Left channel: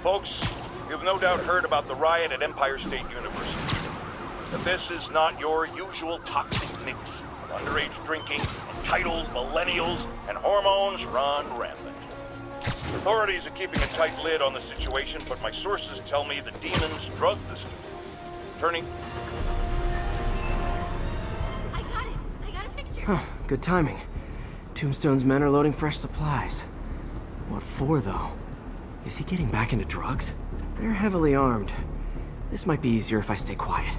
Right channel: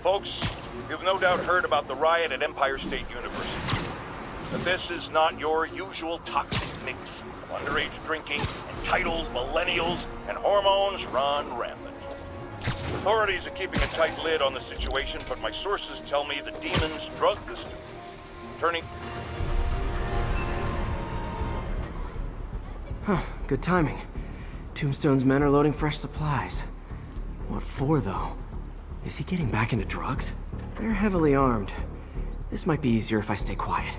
Folks, you've no doubt heard about the riot at Empire State University. But this is not your usual toxic mix of underage drinking, entitled millennials, and hormones run rampant. Authorities are keeping a tight lid on the situation, but my sources tell me the demons drugged the student, turning... Huh, good timing. Tombstone's men are loading fresh supplies. What for, though? Is he getting back into drugs? They're heavily armed. This might be easier if I stay quiet.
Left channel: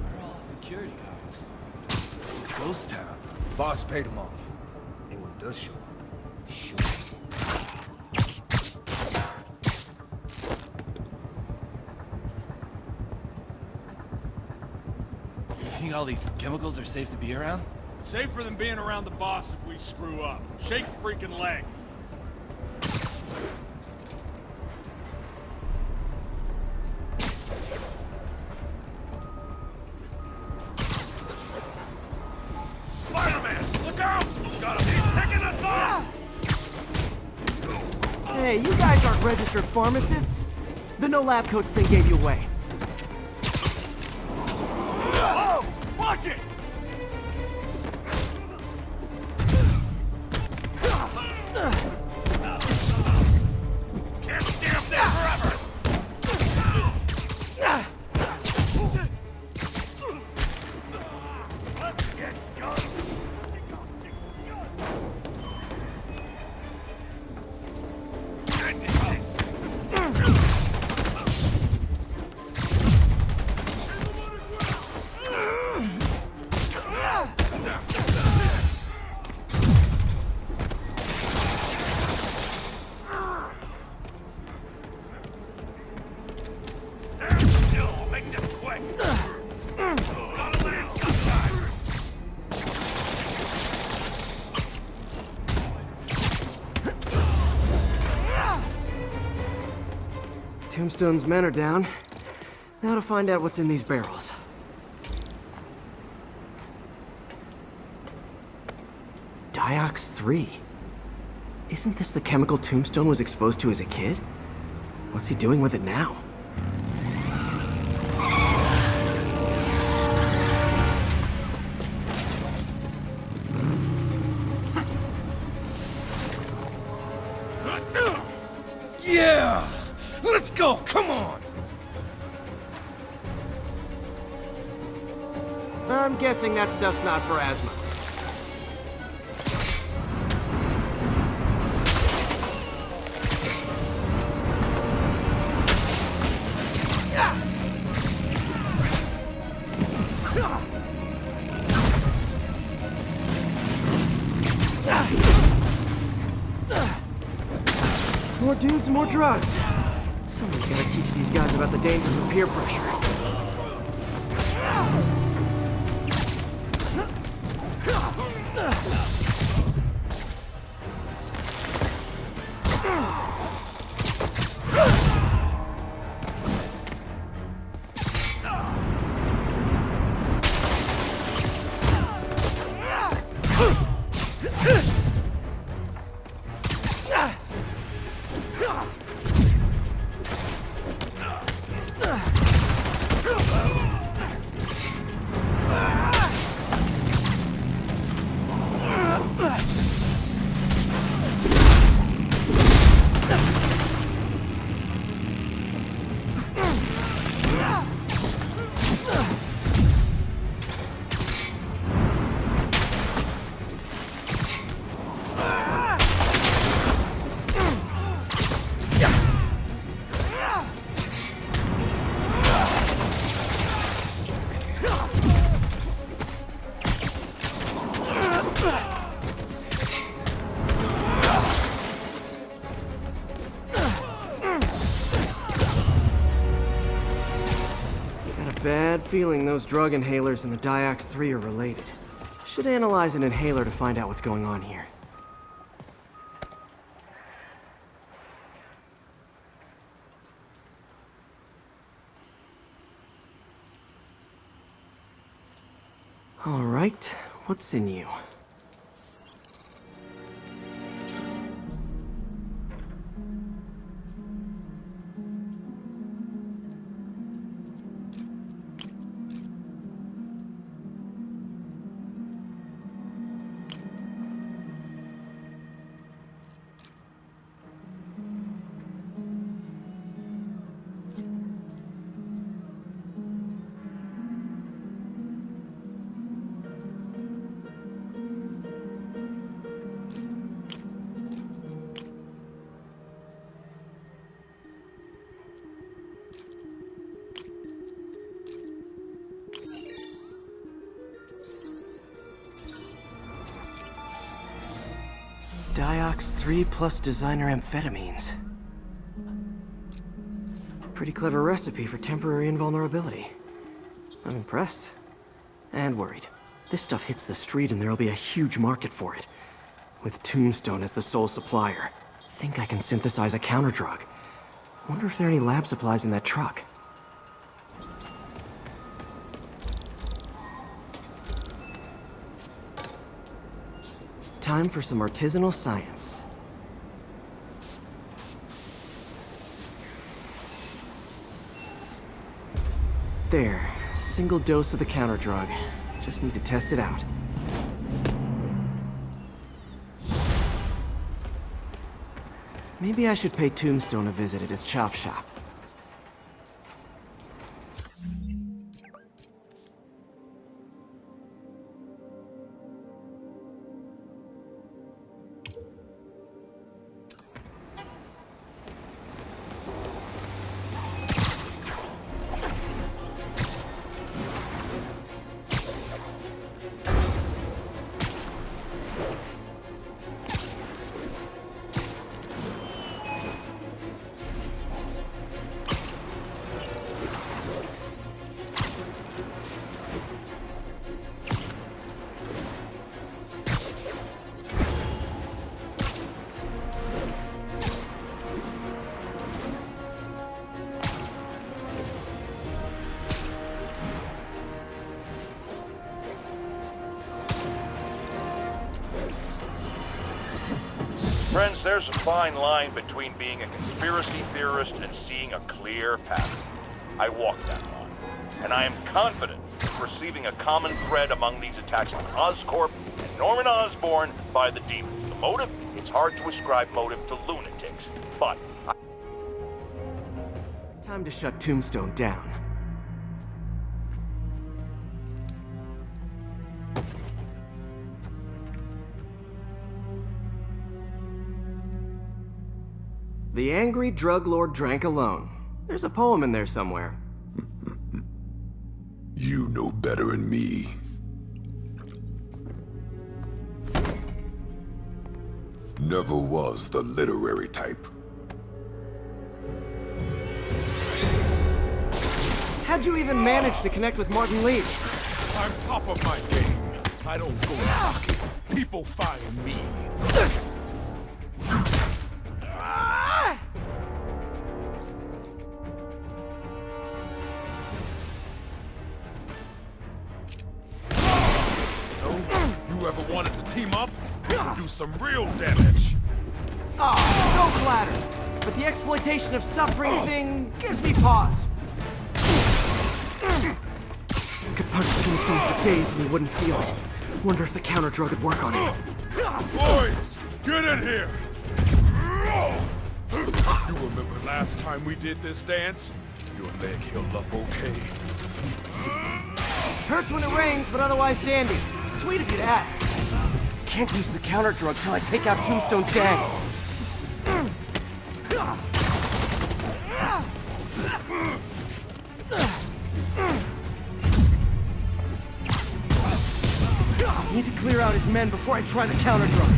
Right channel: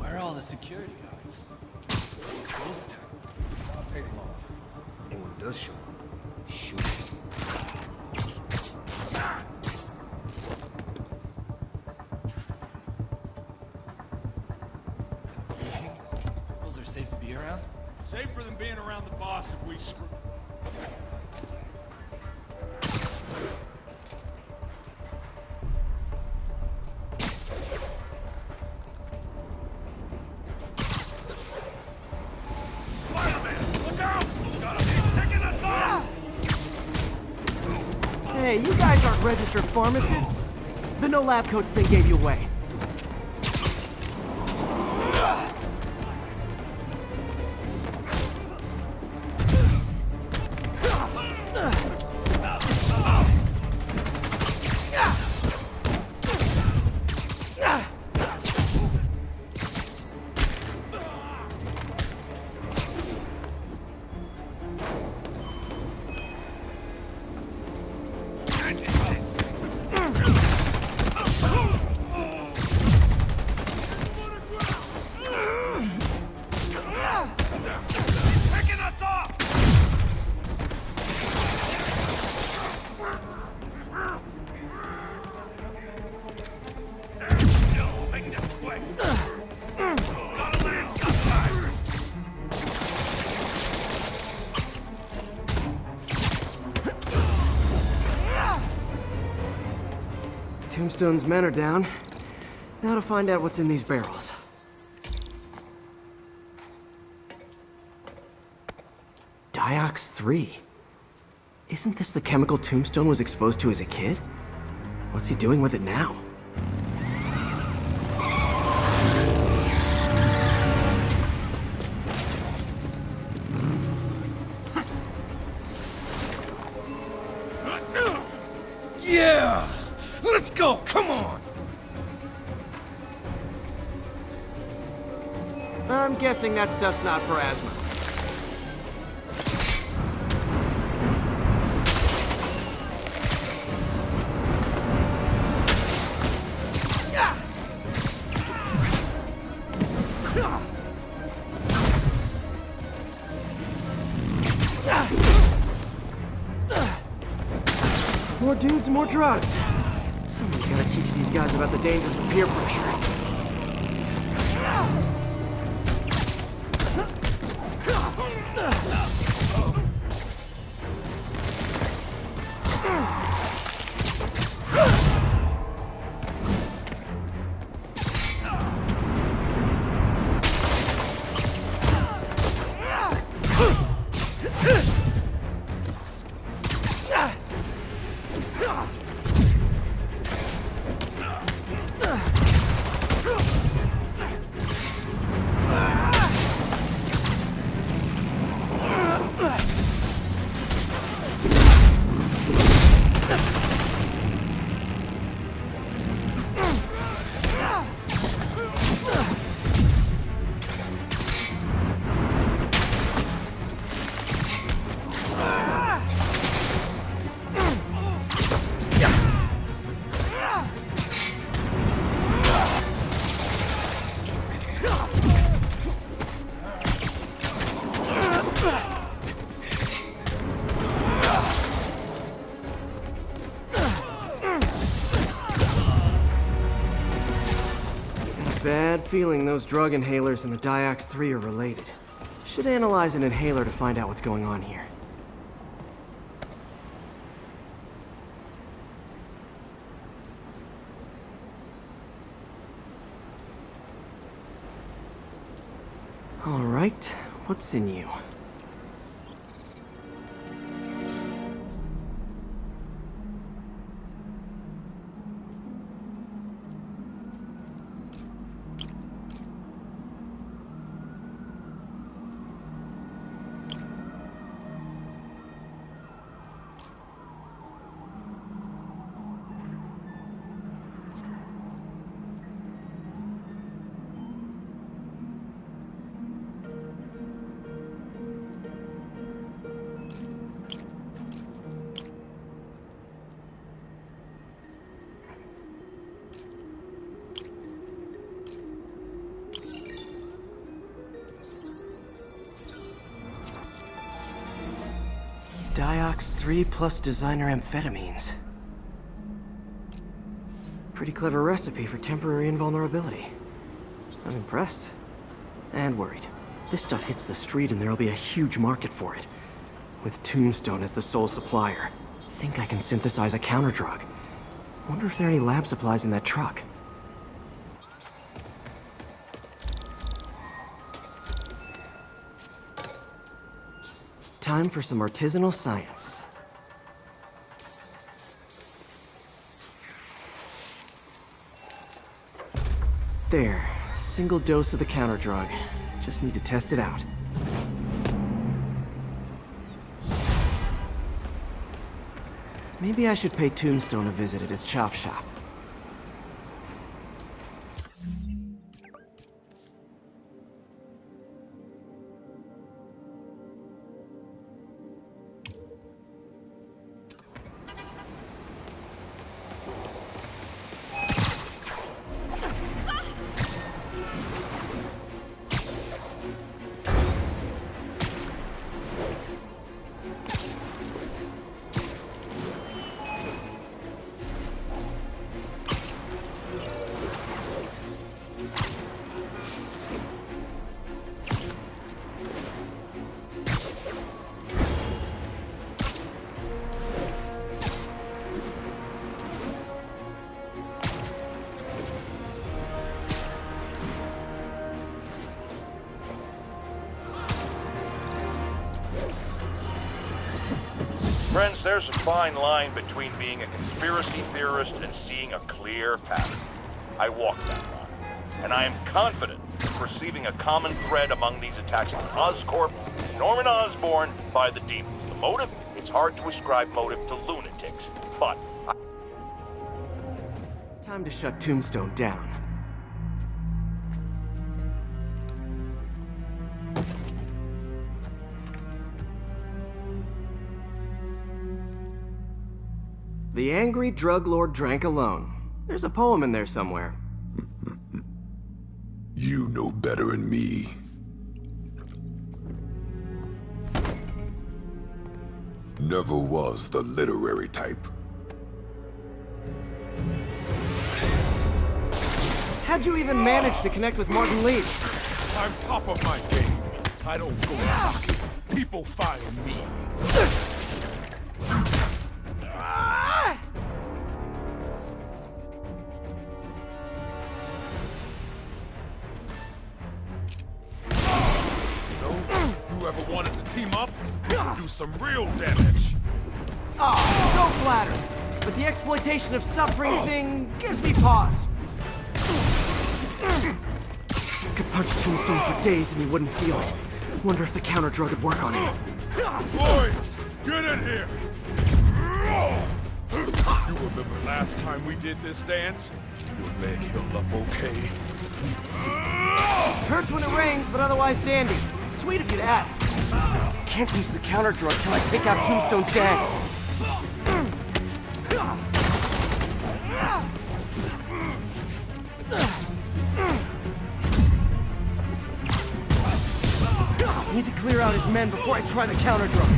Where are all the security guards? Ghost town. Boss paid them off. Anyone does show up, shoot. You think all these chemicals are safe to be around? Safer than being around the boss if we screw up. Shake a freaking leg. Spider Man, look out! Gotta be picking us off! Hey, you guys aren't registered pharmacists. The no lab coats thing gave you away. Watch it! Tombstone's men are down. Now to find out what's in these barrels. Diox 3. Isn't this the chemical Tombstone was exposed to as a kid? What's he doing with it now? Yeah! Let's go! Come on! I'm guessing that stuff's not for asthma. More dudes, more drugs. Someone's gotta teach these guys about the dangers of peer pressure. feeling those drug inhalers and the Diox 3 are related. Should analyze an inhaler to find out what's going on here. All right, what's in you? Diox 3 plus designer amphetamines. Pretty clever recipe for temporary invulnerability. I'm impressed. And worried. This stuff hits the street and there'll be a huge market for it. With Tombstone as the sole supplier. Think I can synthesize a counterdrug. Wonder if there are any lab supplies in that truck. Time for some artisanal science. There, single dose of the counterdrug. Just need to test it out. Maybe I should pay Tombstone a visit at his chop shop. Friends, there's a fine line between being a conspiracy theorist and seeing a clear path. I walk that line, and I am confident in perceiving a common thread among these attacks on Oscorp and Norman Osborn by the demons. The motive? It's hard to ascribe motive to lunatics, but Time to shut Tombstone down. The angry drug lord drank alone. There's a poem in there somewhere. You know better than me. Never was the literary type. How'd you even manage to connect with Martin Lee? I'm top of my game. I don't go knocking. People find me. You ever wanted to team up? We can do some real damage. Oh, so flattered. But the exploitation of suffering thing gives me pause. Could punch Tombstone for days and he wouldn't feel it. Wonder if the counter drug would work on him. Boys, get in here. You remember last time we did this dance? Your leg healed up okay. Hurts when it rains, but otherwise dandy. Sweet of you to ask. Can't use the counter drug till I take out Tombstone's gang. Need to clear out his men before I try the counter drug.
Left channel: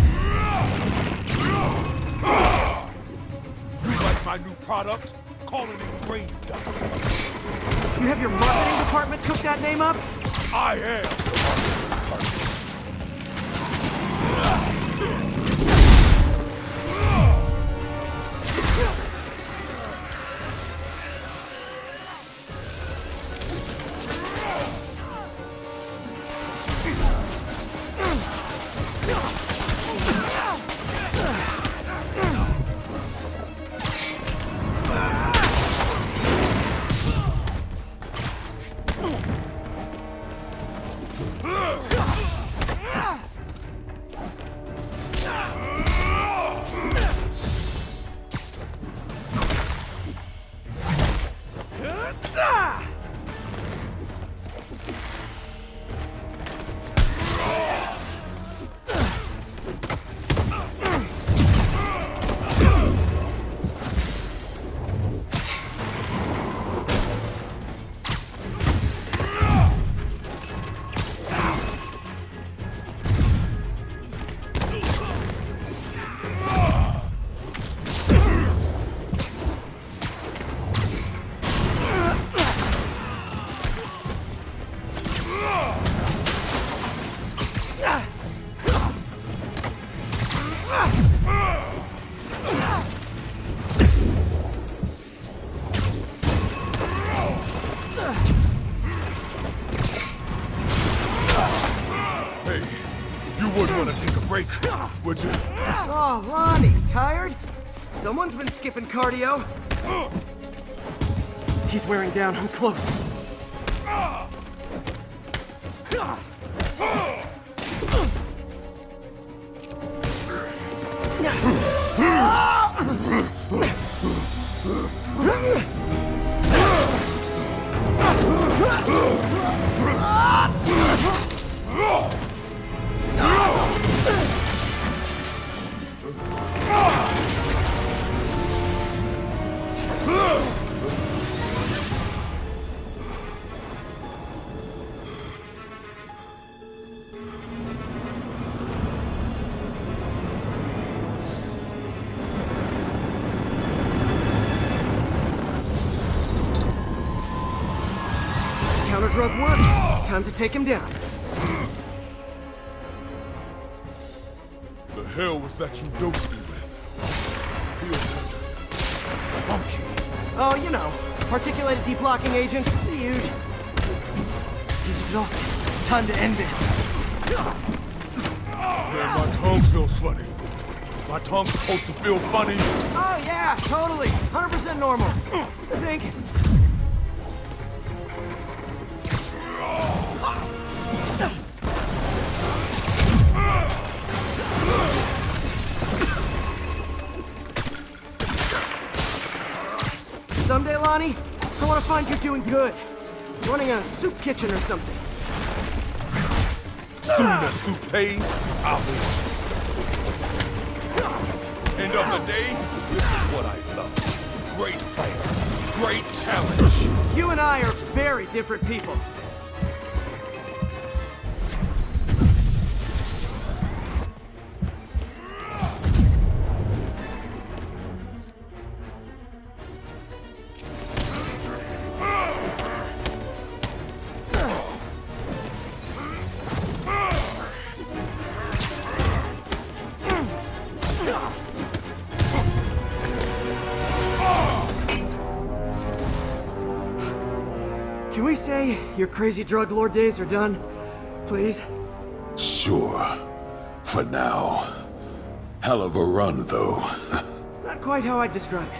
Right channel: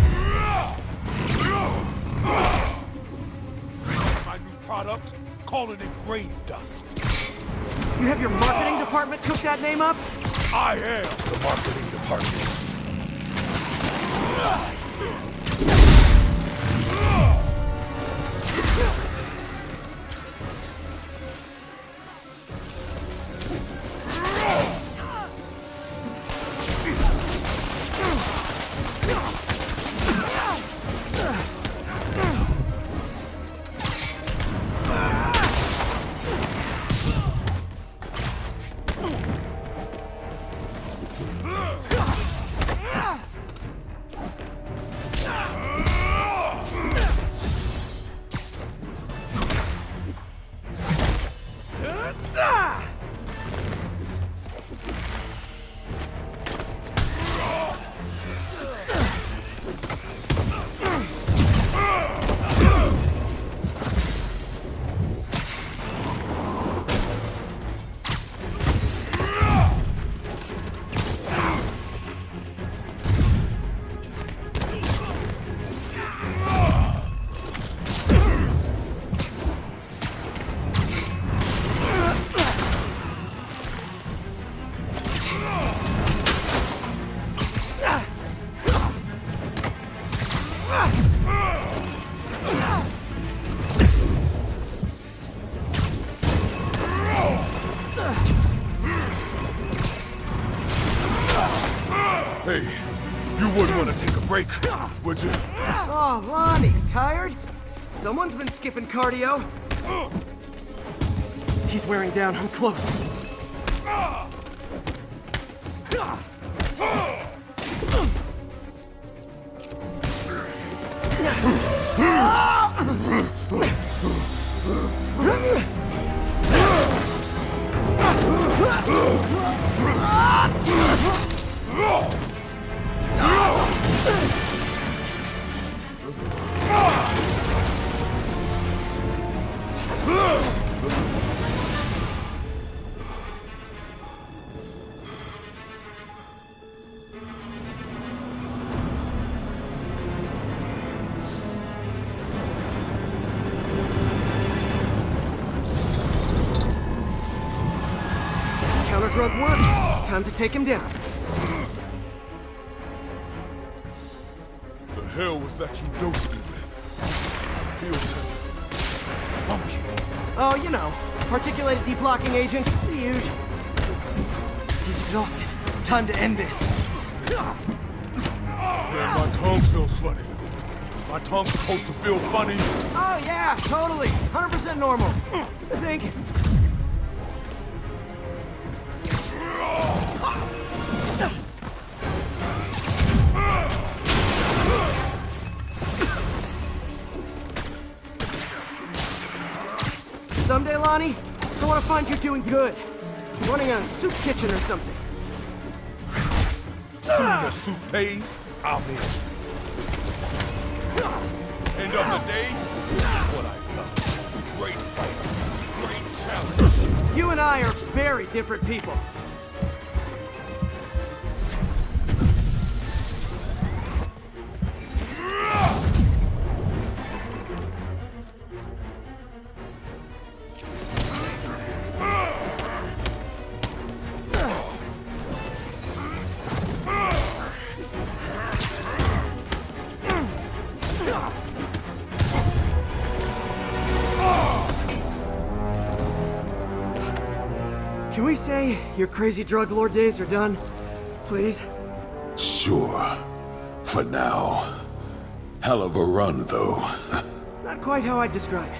You like my new product? Call it engraved dust. You have your marketing department cook that name up? I am the marketing department. Hey, you wouldn't want to take a break, would you? Oh, Lonnie, tired? Someone's been skipping cardio. He's wearing down. I'm close. Counter drug work. Time to take him down. The hell was that you dosed me with? Feels kinda funky. Oh, you know, particulated deblocking agent. The huge. He's exhausted. Time to end this. Man, my tongue feels funny. My tongue's supposed to feel funny. Oh, yeah, totally. 100% normal. I think. Someday, Lonnie, I want to find you doing good. Running a soup kitchen or something. Soon as soup pays, I'll be. End of the day, this is what I love. Great fight, great challenge. You and I are very different people. Can we say your crazy drug lord days are done? Please? Sure. For now. Hell of a run, though. Not quite how I'd describe it.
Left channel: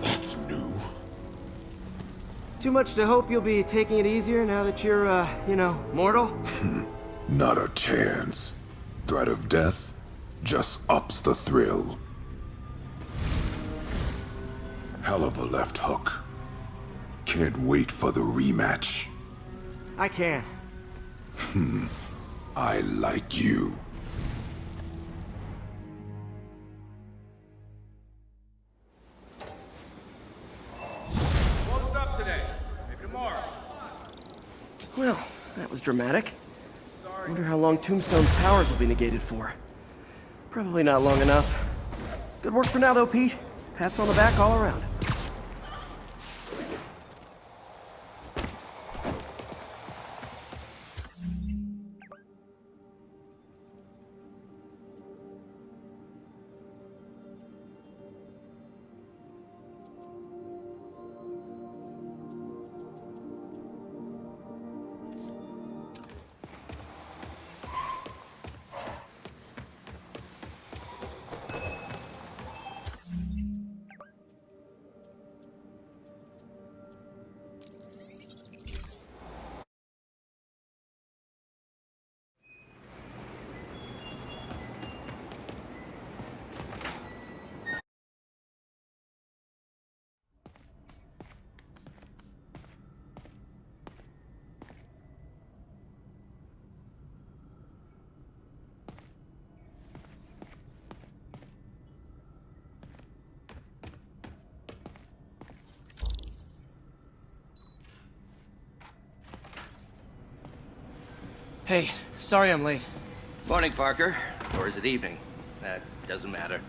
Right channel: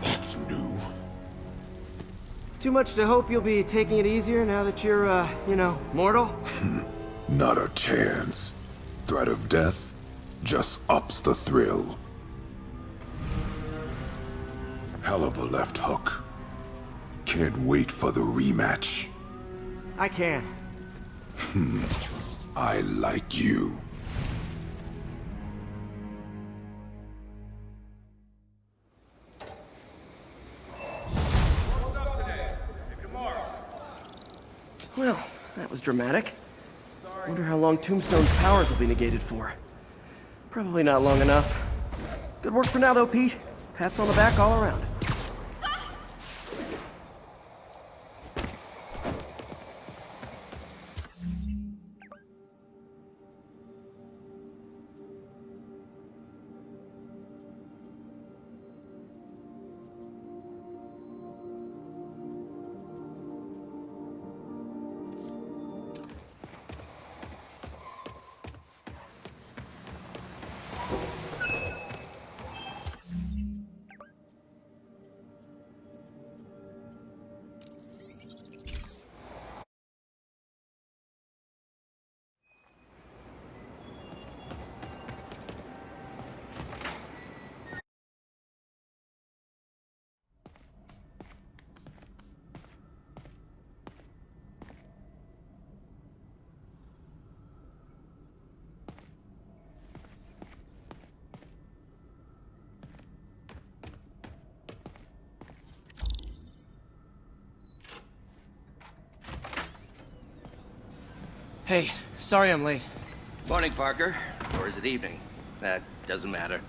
That's new. Too much to hope you'll be taking it easier now that you're, you know, mortal? Not a chance. Threat of death just ups the thrill. Hell of a left hook. Can't wait for the rematch. I can. I like you. Won't stop today. Maybe tomorrow. Well, that was dramatic. Sorry Wonder how long Tombstone's powers will be negated for. Probably not long enough. Good work for now, though, Pete. Pats on the back all around. Hey, sorry I'm late. Morning, Parker. Or is it evening? That doesn't matter.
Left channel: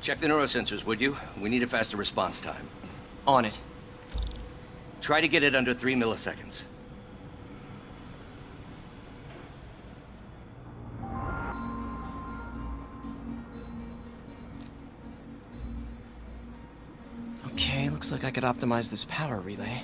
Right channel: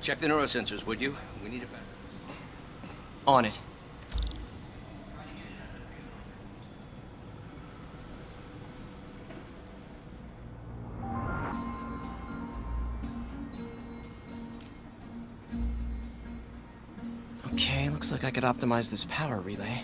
Check the neurosensors, would you? We need a faster response time. On it. Try to get it under 3 milliseconds. Okay, looks like I could optimize this power relay.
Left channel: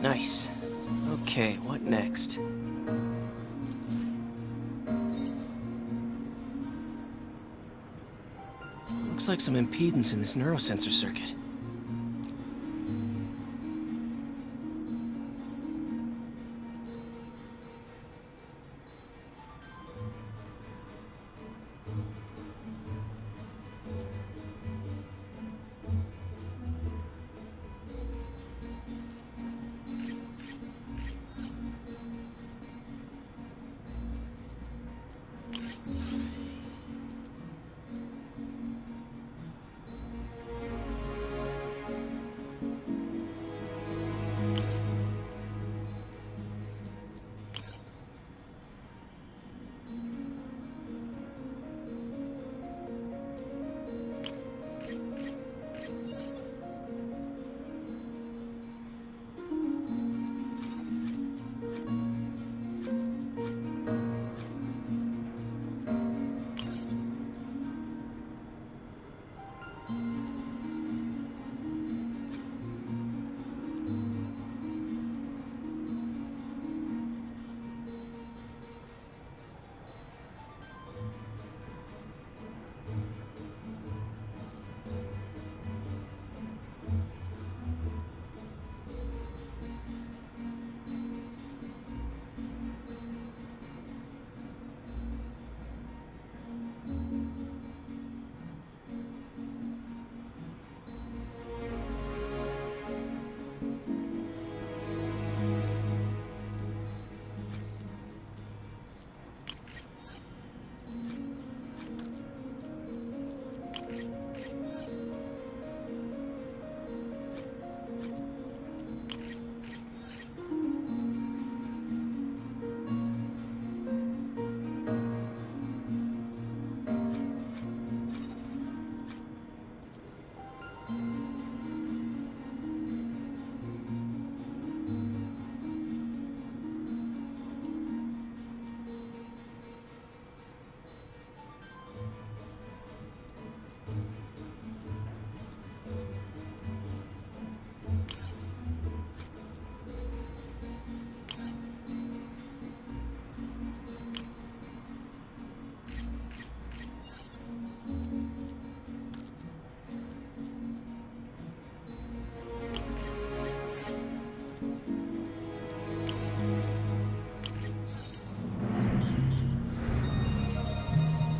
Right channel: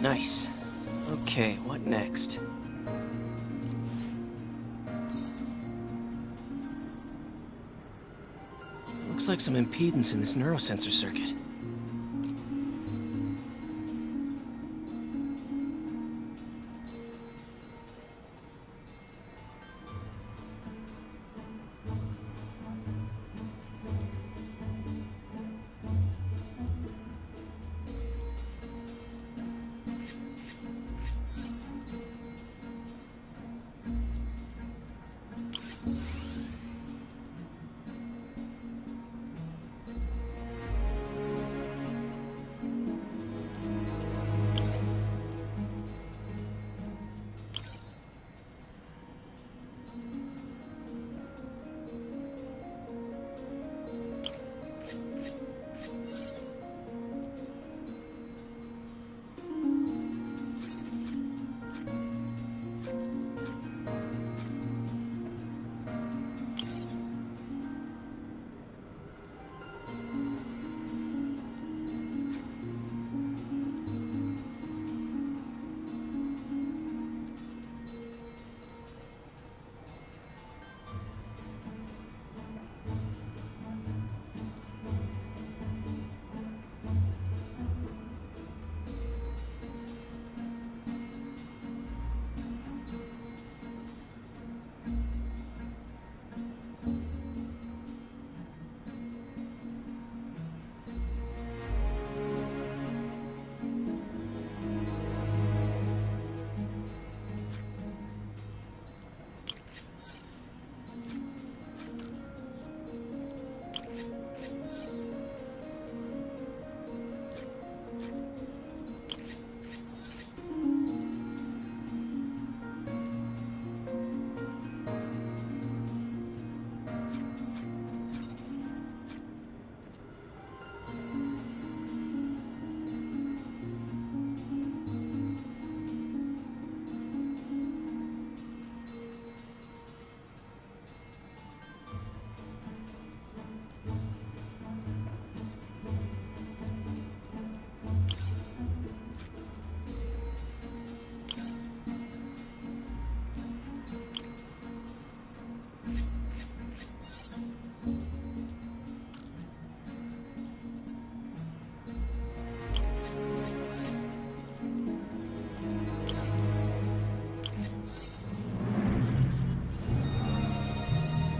Nice. Okay, what next? Looks like some impedance in this neurosensor circuit.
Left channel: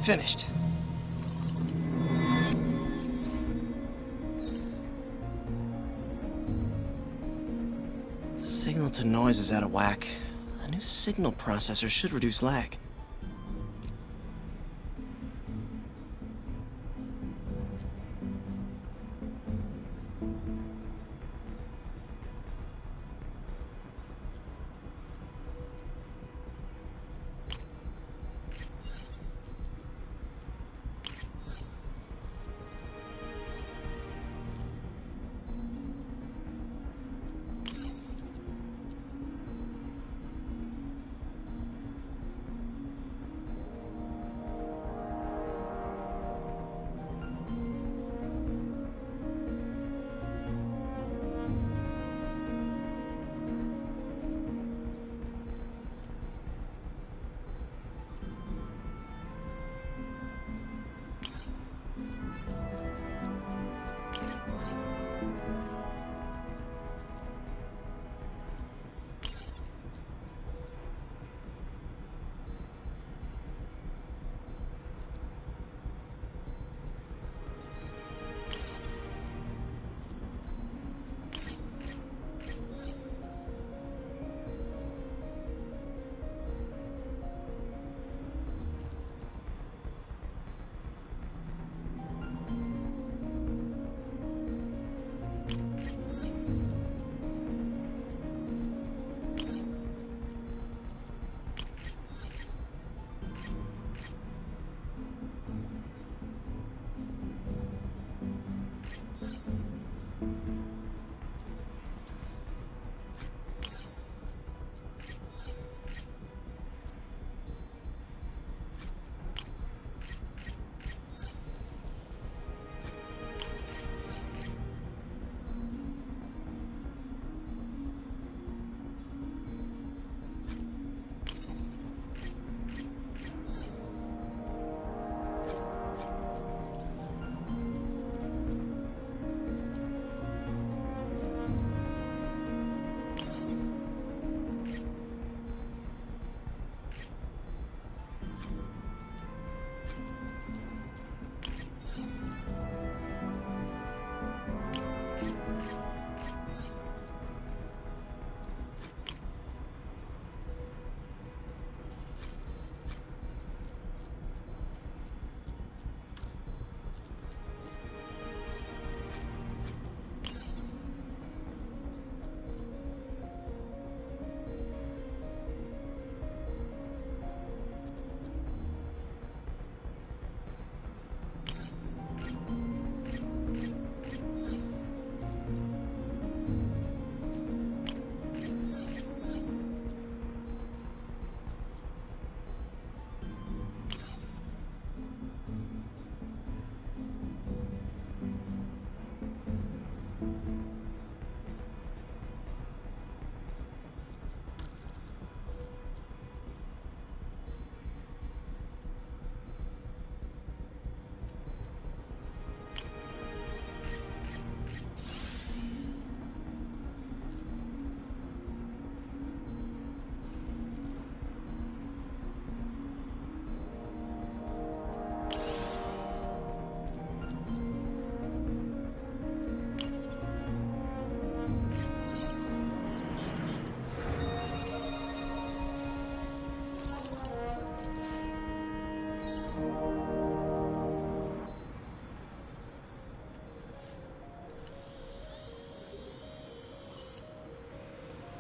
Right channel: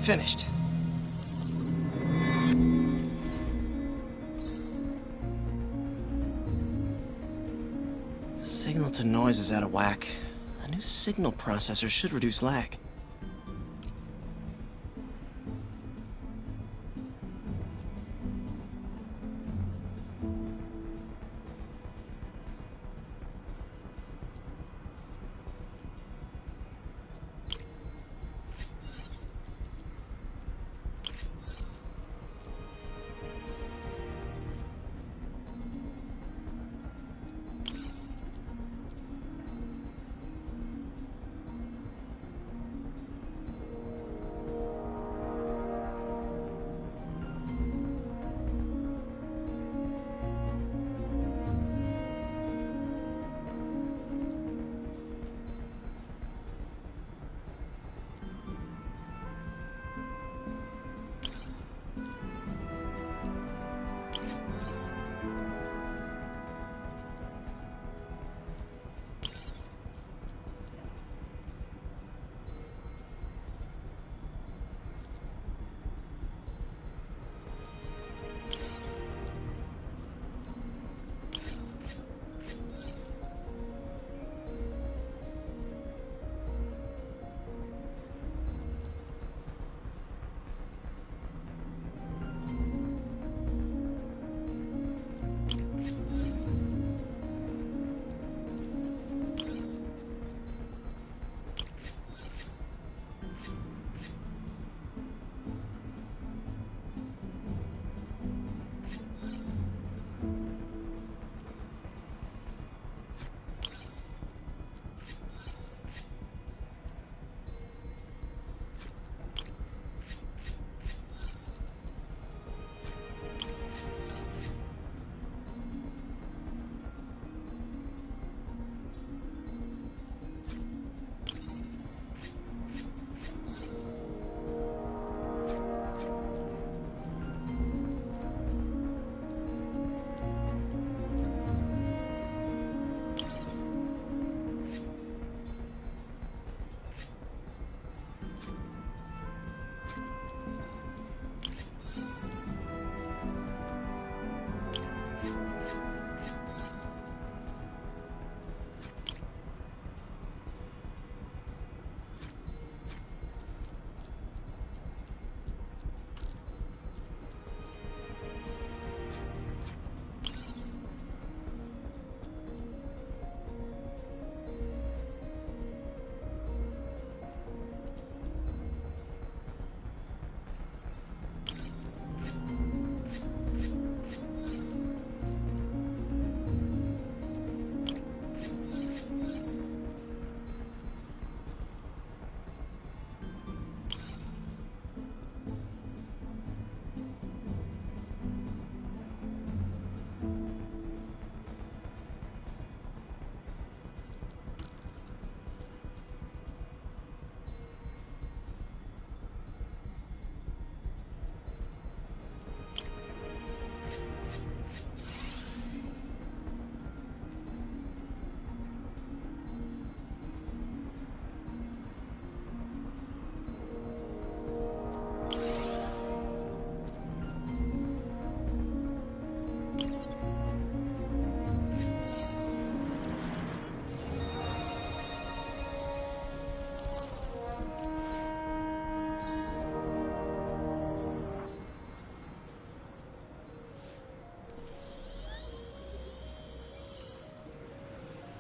finished. The signal to noise is out of whack. A new signal processor should reduce lag.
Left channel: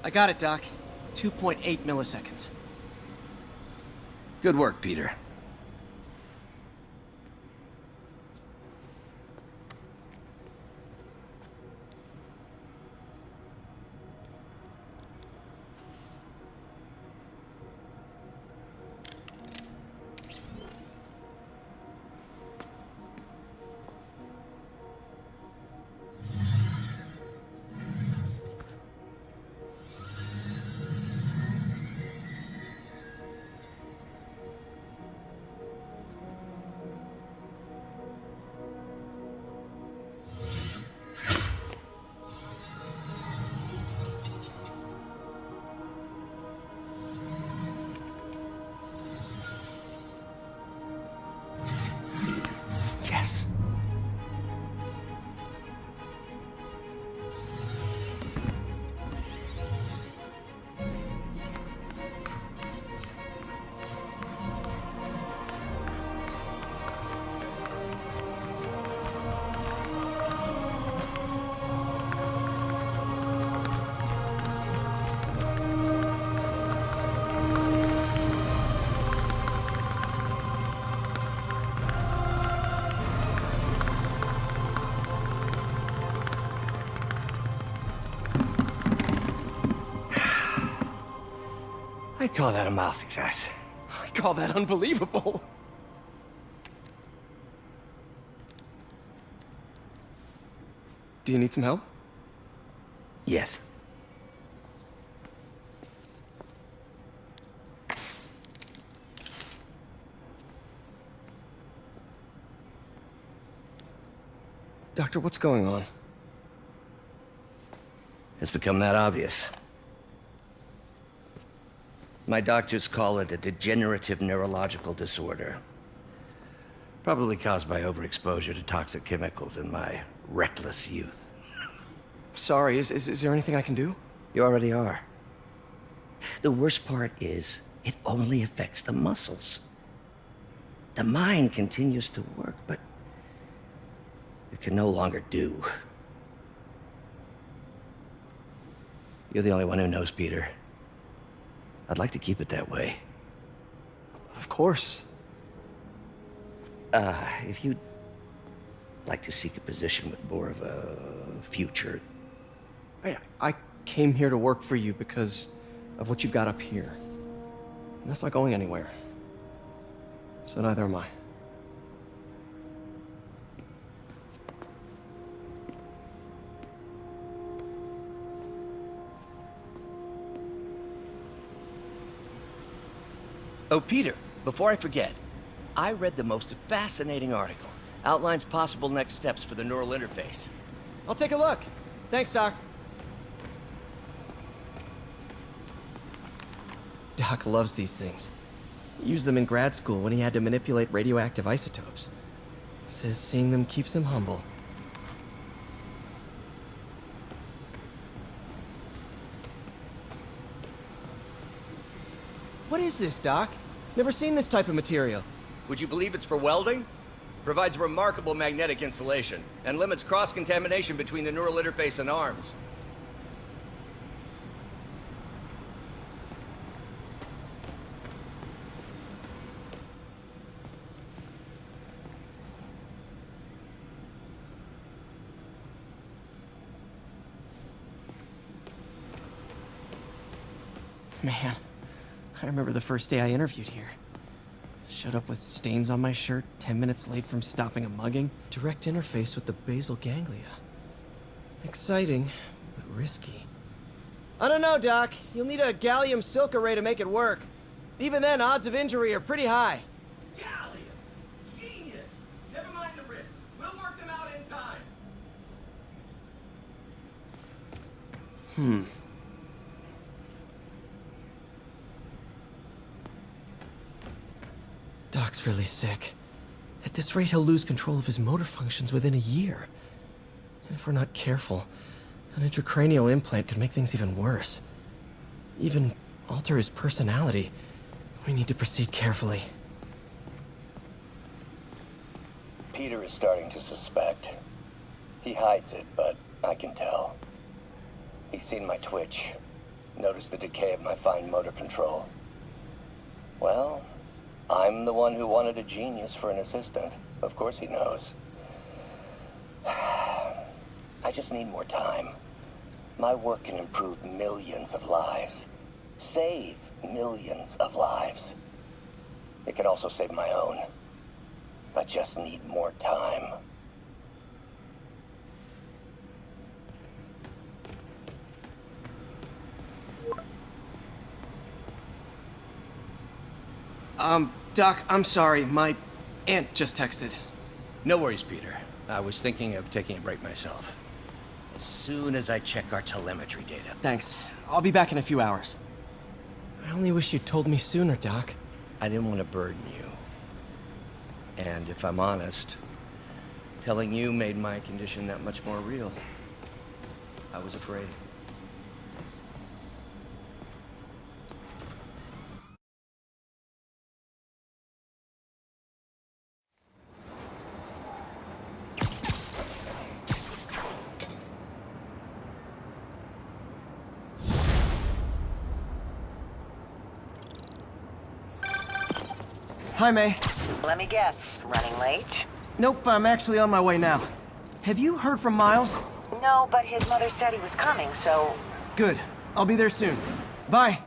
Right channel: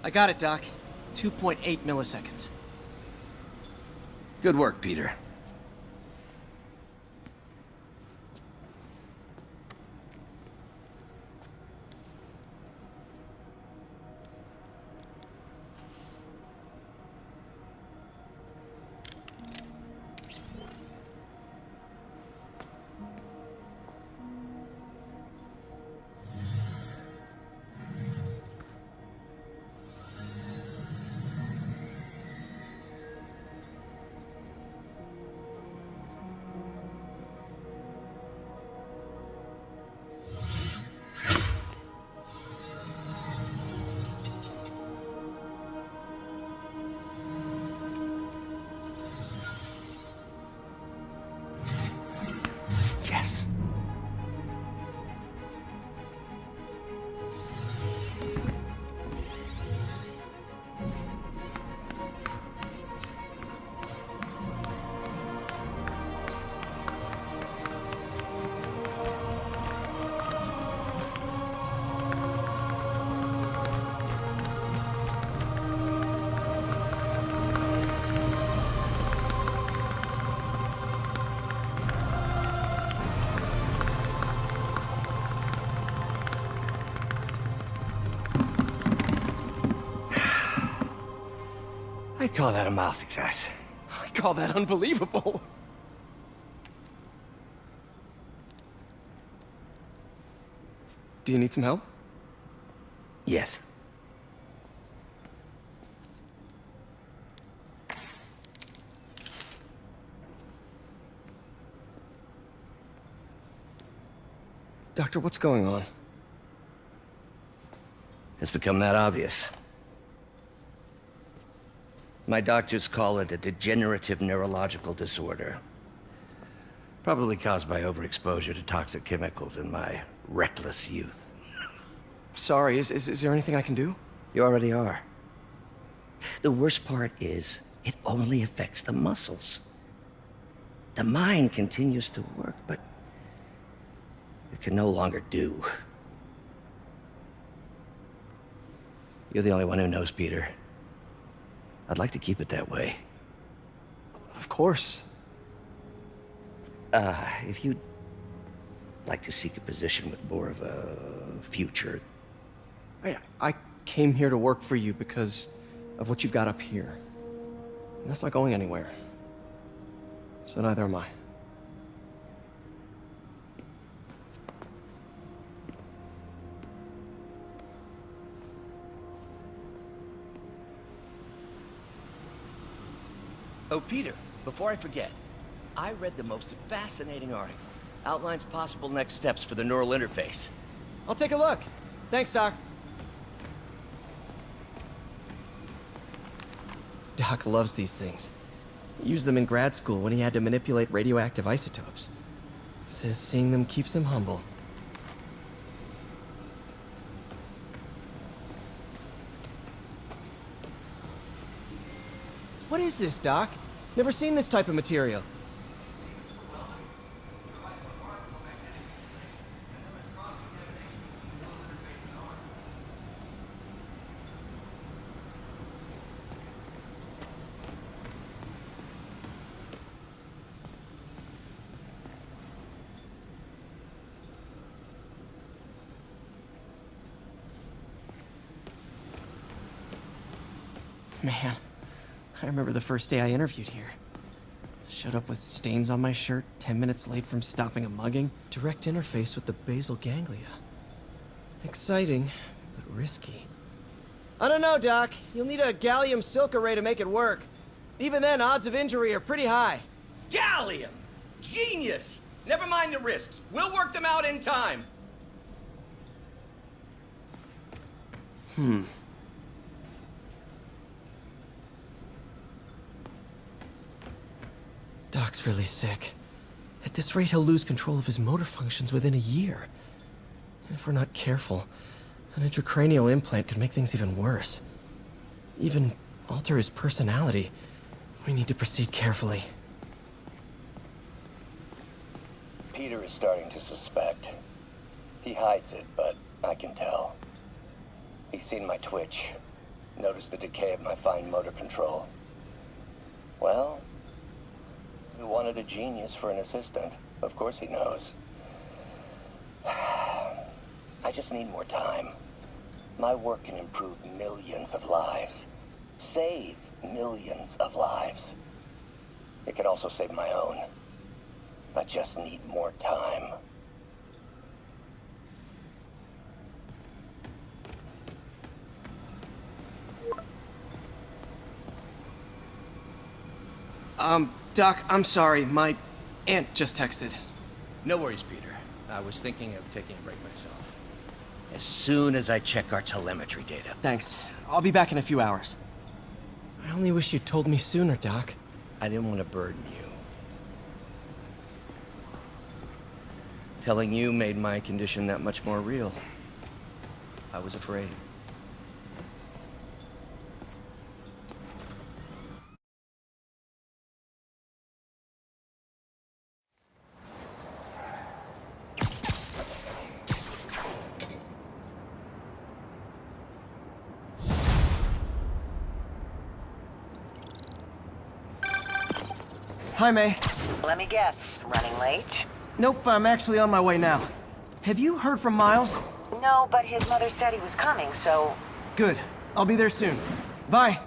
I got it, Doc. 2.8 milliseconds. Good work, Peter. I'd call that a mild success. I call that unbelievable. Do you need some help? Yes. Doctor, what's going on? It's become that obvious. My doctors call it a degenerative neurological disorder. Probably caused by overexposure to toxic chemicals in my reckless youth. Sorry, is there anything I can do? You already are. The worst part is, it only affects the muscles. The mind continues to work, but it can no longer do. You're the only one who knows, Peter. I'd like to keep it that way. Of course. If you'd like to seek a position with more of a future. I came here to work for you because of what you've got up here. And that's not going anywhere. So neither am I. Oh, Peter, before I forget, I read the most fascinating article. Outlines possible next steps for the neural interface. I'll take a look. Thanks, Doc. Doc loves these things. He used them in grad school when he had to manipulate radioactive isotopes. Says seeing them keeps him humble. What is this, Doc? Never seen this type of material. Would you believe it's for welding? Provides remarkable magnetic insulation and limits cross-contamination between the neural interface and arms. Man, I remember the first day I interviewed here. Showed up with stains on my shirt, 10 minutes late from stopping a mugging. Direct interface with the basal ganglia. Exciting, but risky. I don't know, Doc. You'll need a gallium silk array to make it work. Even then, odds of injury are pretty high. Gallium! Genius! Never mind the risks. We'll work them out in time. Doc's really sick. At this rate, he'll lose control of his motor functions within a year. And if we're not careful, an intracranial implant could make things even worse. Even alter his personality. We need to proceed carefully. Peter is starting to suspect. He hides it, but I can tell. He's seen my twitch, noticed the decay of my fine motor control. Well, I'm the one who wanted a genius for an assistant. Of course he knows. I just need more time. My work can improve millions of lives. Save millions of lives. It can also save my own. I just need more time. Doc, I'm sorry. My aunt just texted. No worries, Peter. I was thinking of taking a break myself. As soon as I check our telemetry data. Thanks. I'll be back in a few hours. I only wish you'd told me sooner, Doc. I didn't want to burden you. And if I'm honest, telling you made my condition that much more real. I was afraid. Hi, May. Let me guess, running late? Nope, I'm actually on my way now. Have you heard from Miles? No, but his mother said he was coming, so... Good. I'll be there soon. Bye.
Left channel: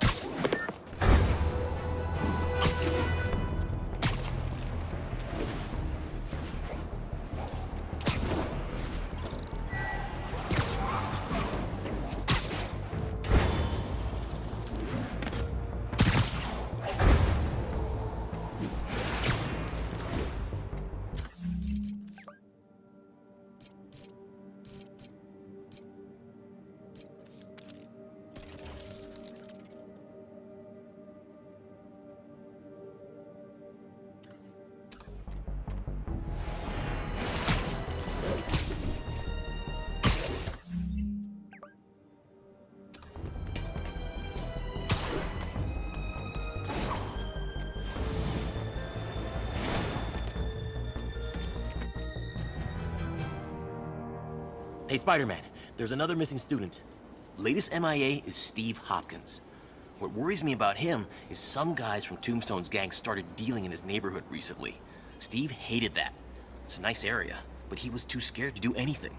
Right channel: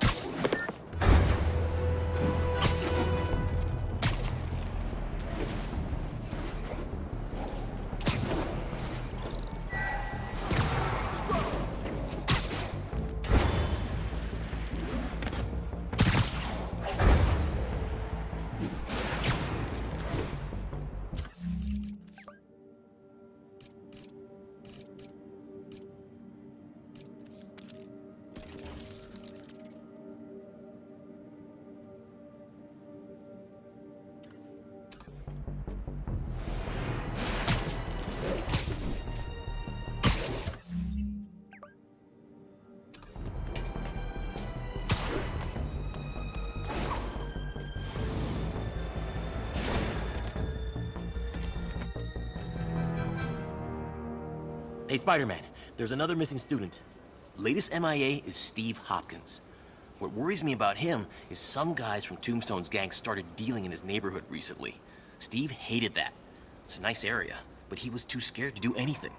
Hey, Spider Man, there's another missing student. Latest MIA is Steve Hopkins. What worries me about him is some guys from Tombstone's gang started dealing in his neighborhood recently. Steve hated that. It's a nice area, but he was too scared to do anything.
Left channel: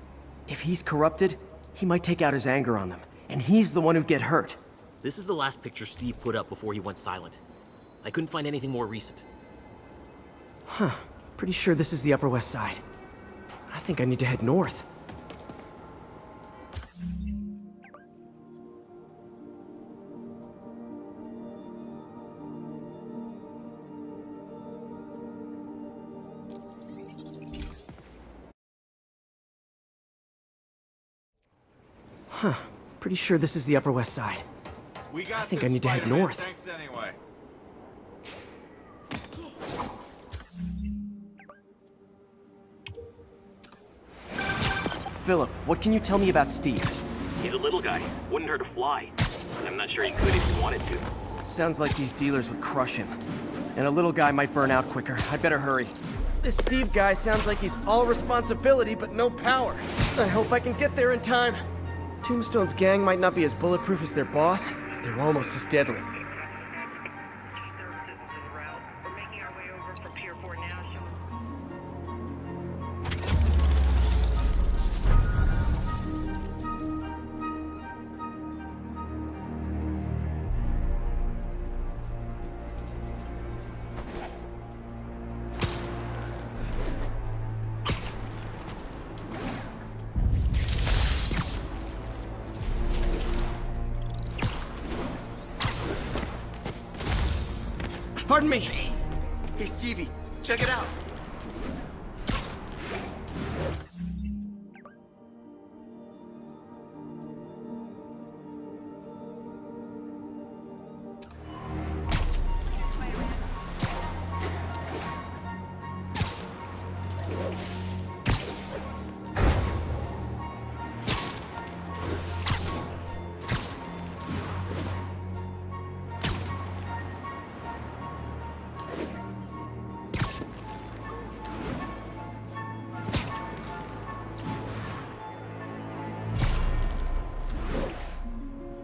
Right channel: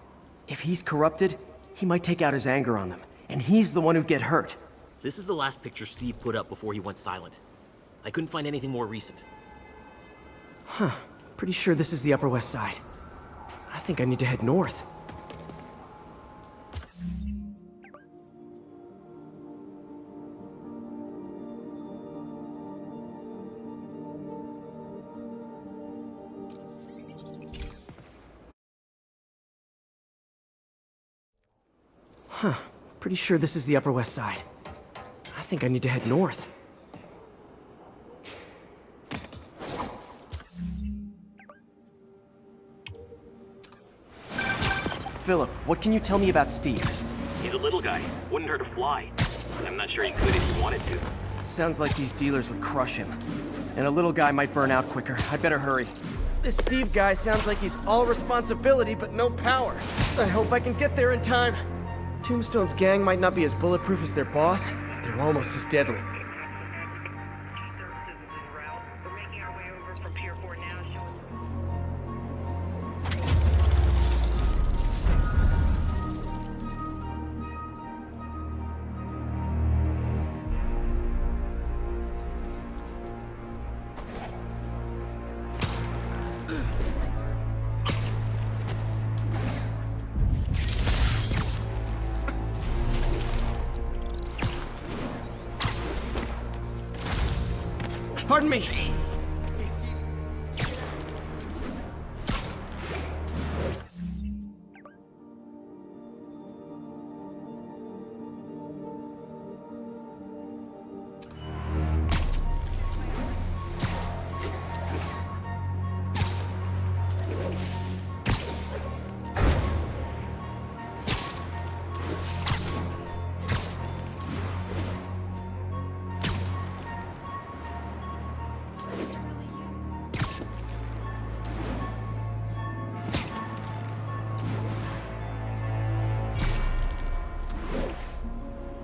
If he's corrupted, he might take out his anger on them, and he's the one who'd get hurt. This is the last picture Steve put up before he went silent. I couldn't find anything more recent. Huh. Pretty sure this is the Upper West Side. I think I need to head north. Huh. Pretty sure this is the Upper West Side. I think I need to head north. Philip, what can you tell me about Steve? He's a little guy. Wouldn't hurt to fly. I'm not sure he could if he wanted to. Sounds like these dealers would crush him. And a little guy might burn out quicker. I'd better hurry. This Steve guy sounds like he's all responsibility but no power. I hope I can get there in time. Tombstone's gang might not be as bulletproof as their boss, but they're almost as deadly. Pardon me. Hey, Stevie, check it out.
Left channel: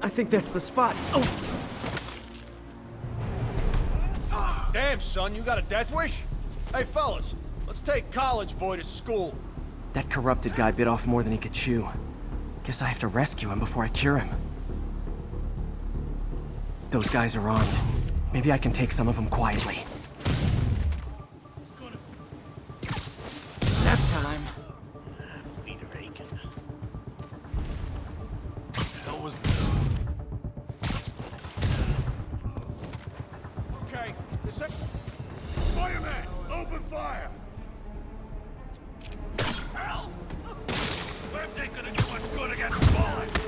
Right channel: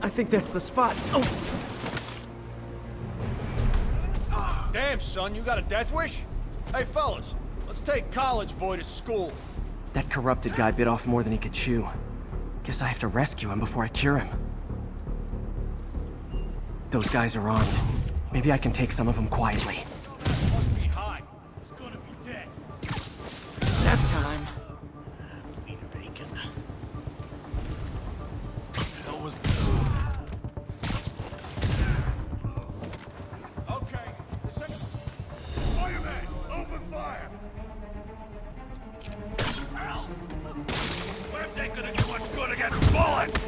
I think that's the spot. Oh! Damn, son, you got a death wish? Hey, fellas, let's take college boy to school. That corrupted guy bit off more than he could chew. Guess I have to rescue him before I cure him. Those guys are armed. Maybe I can take some of them quietly. Hi, it's gonna be dead. That time. Feet are aching. Hell was Okay, Spider-Man, open fire! Help! Webs ain't gonna do much good against bullets!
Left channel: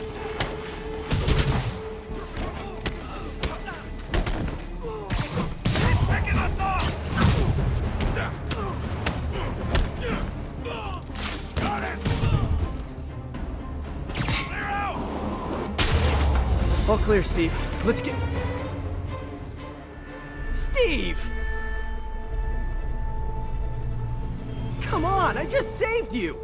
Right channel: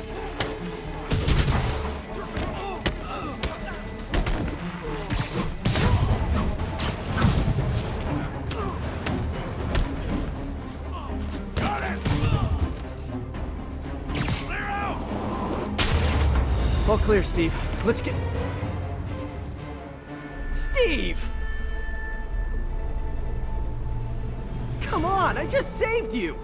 Got it! Clear out! All clear, Steve. Let's get... Steve! Come on, I just saved you!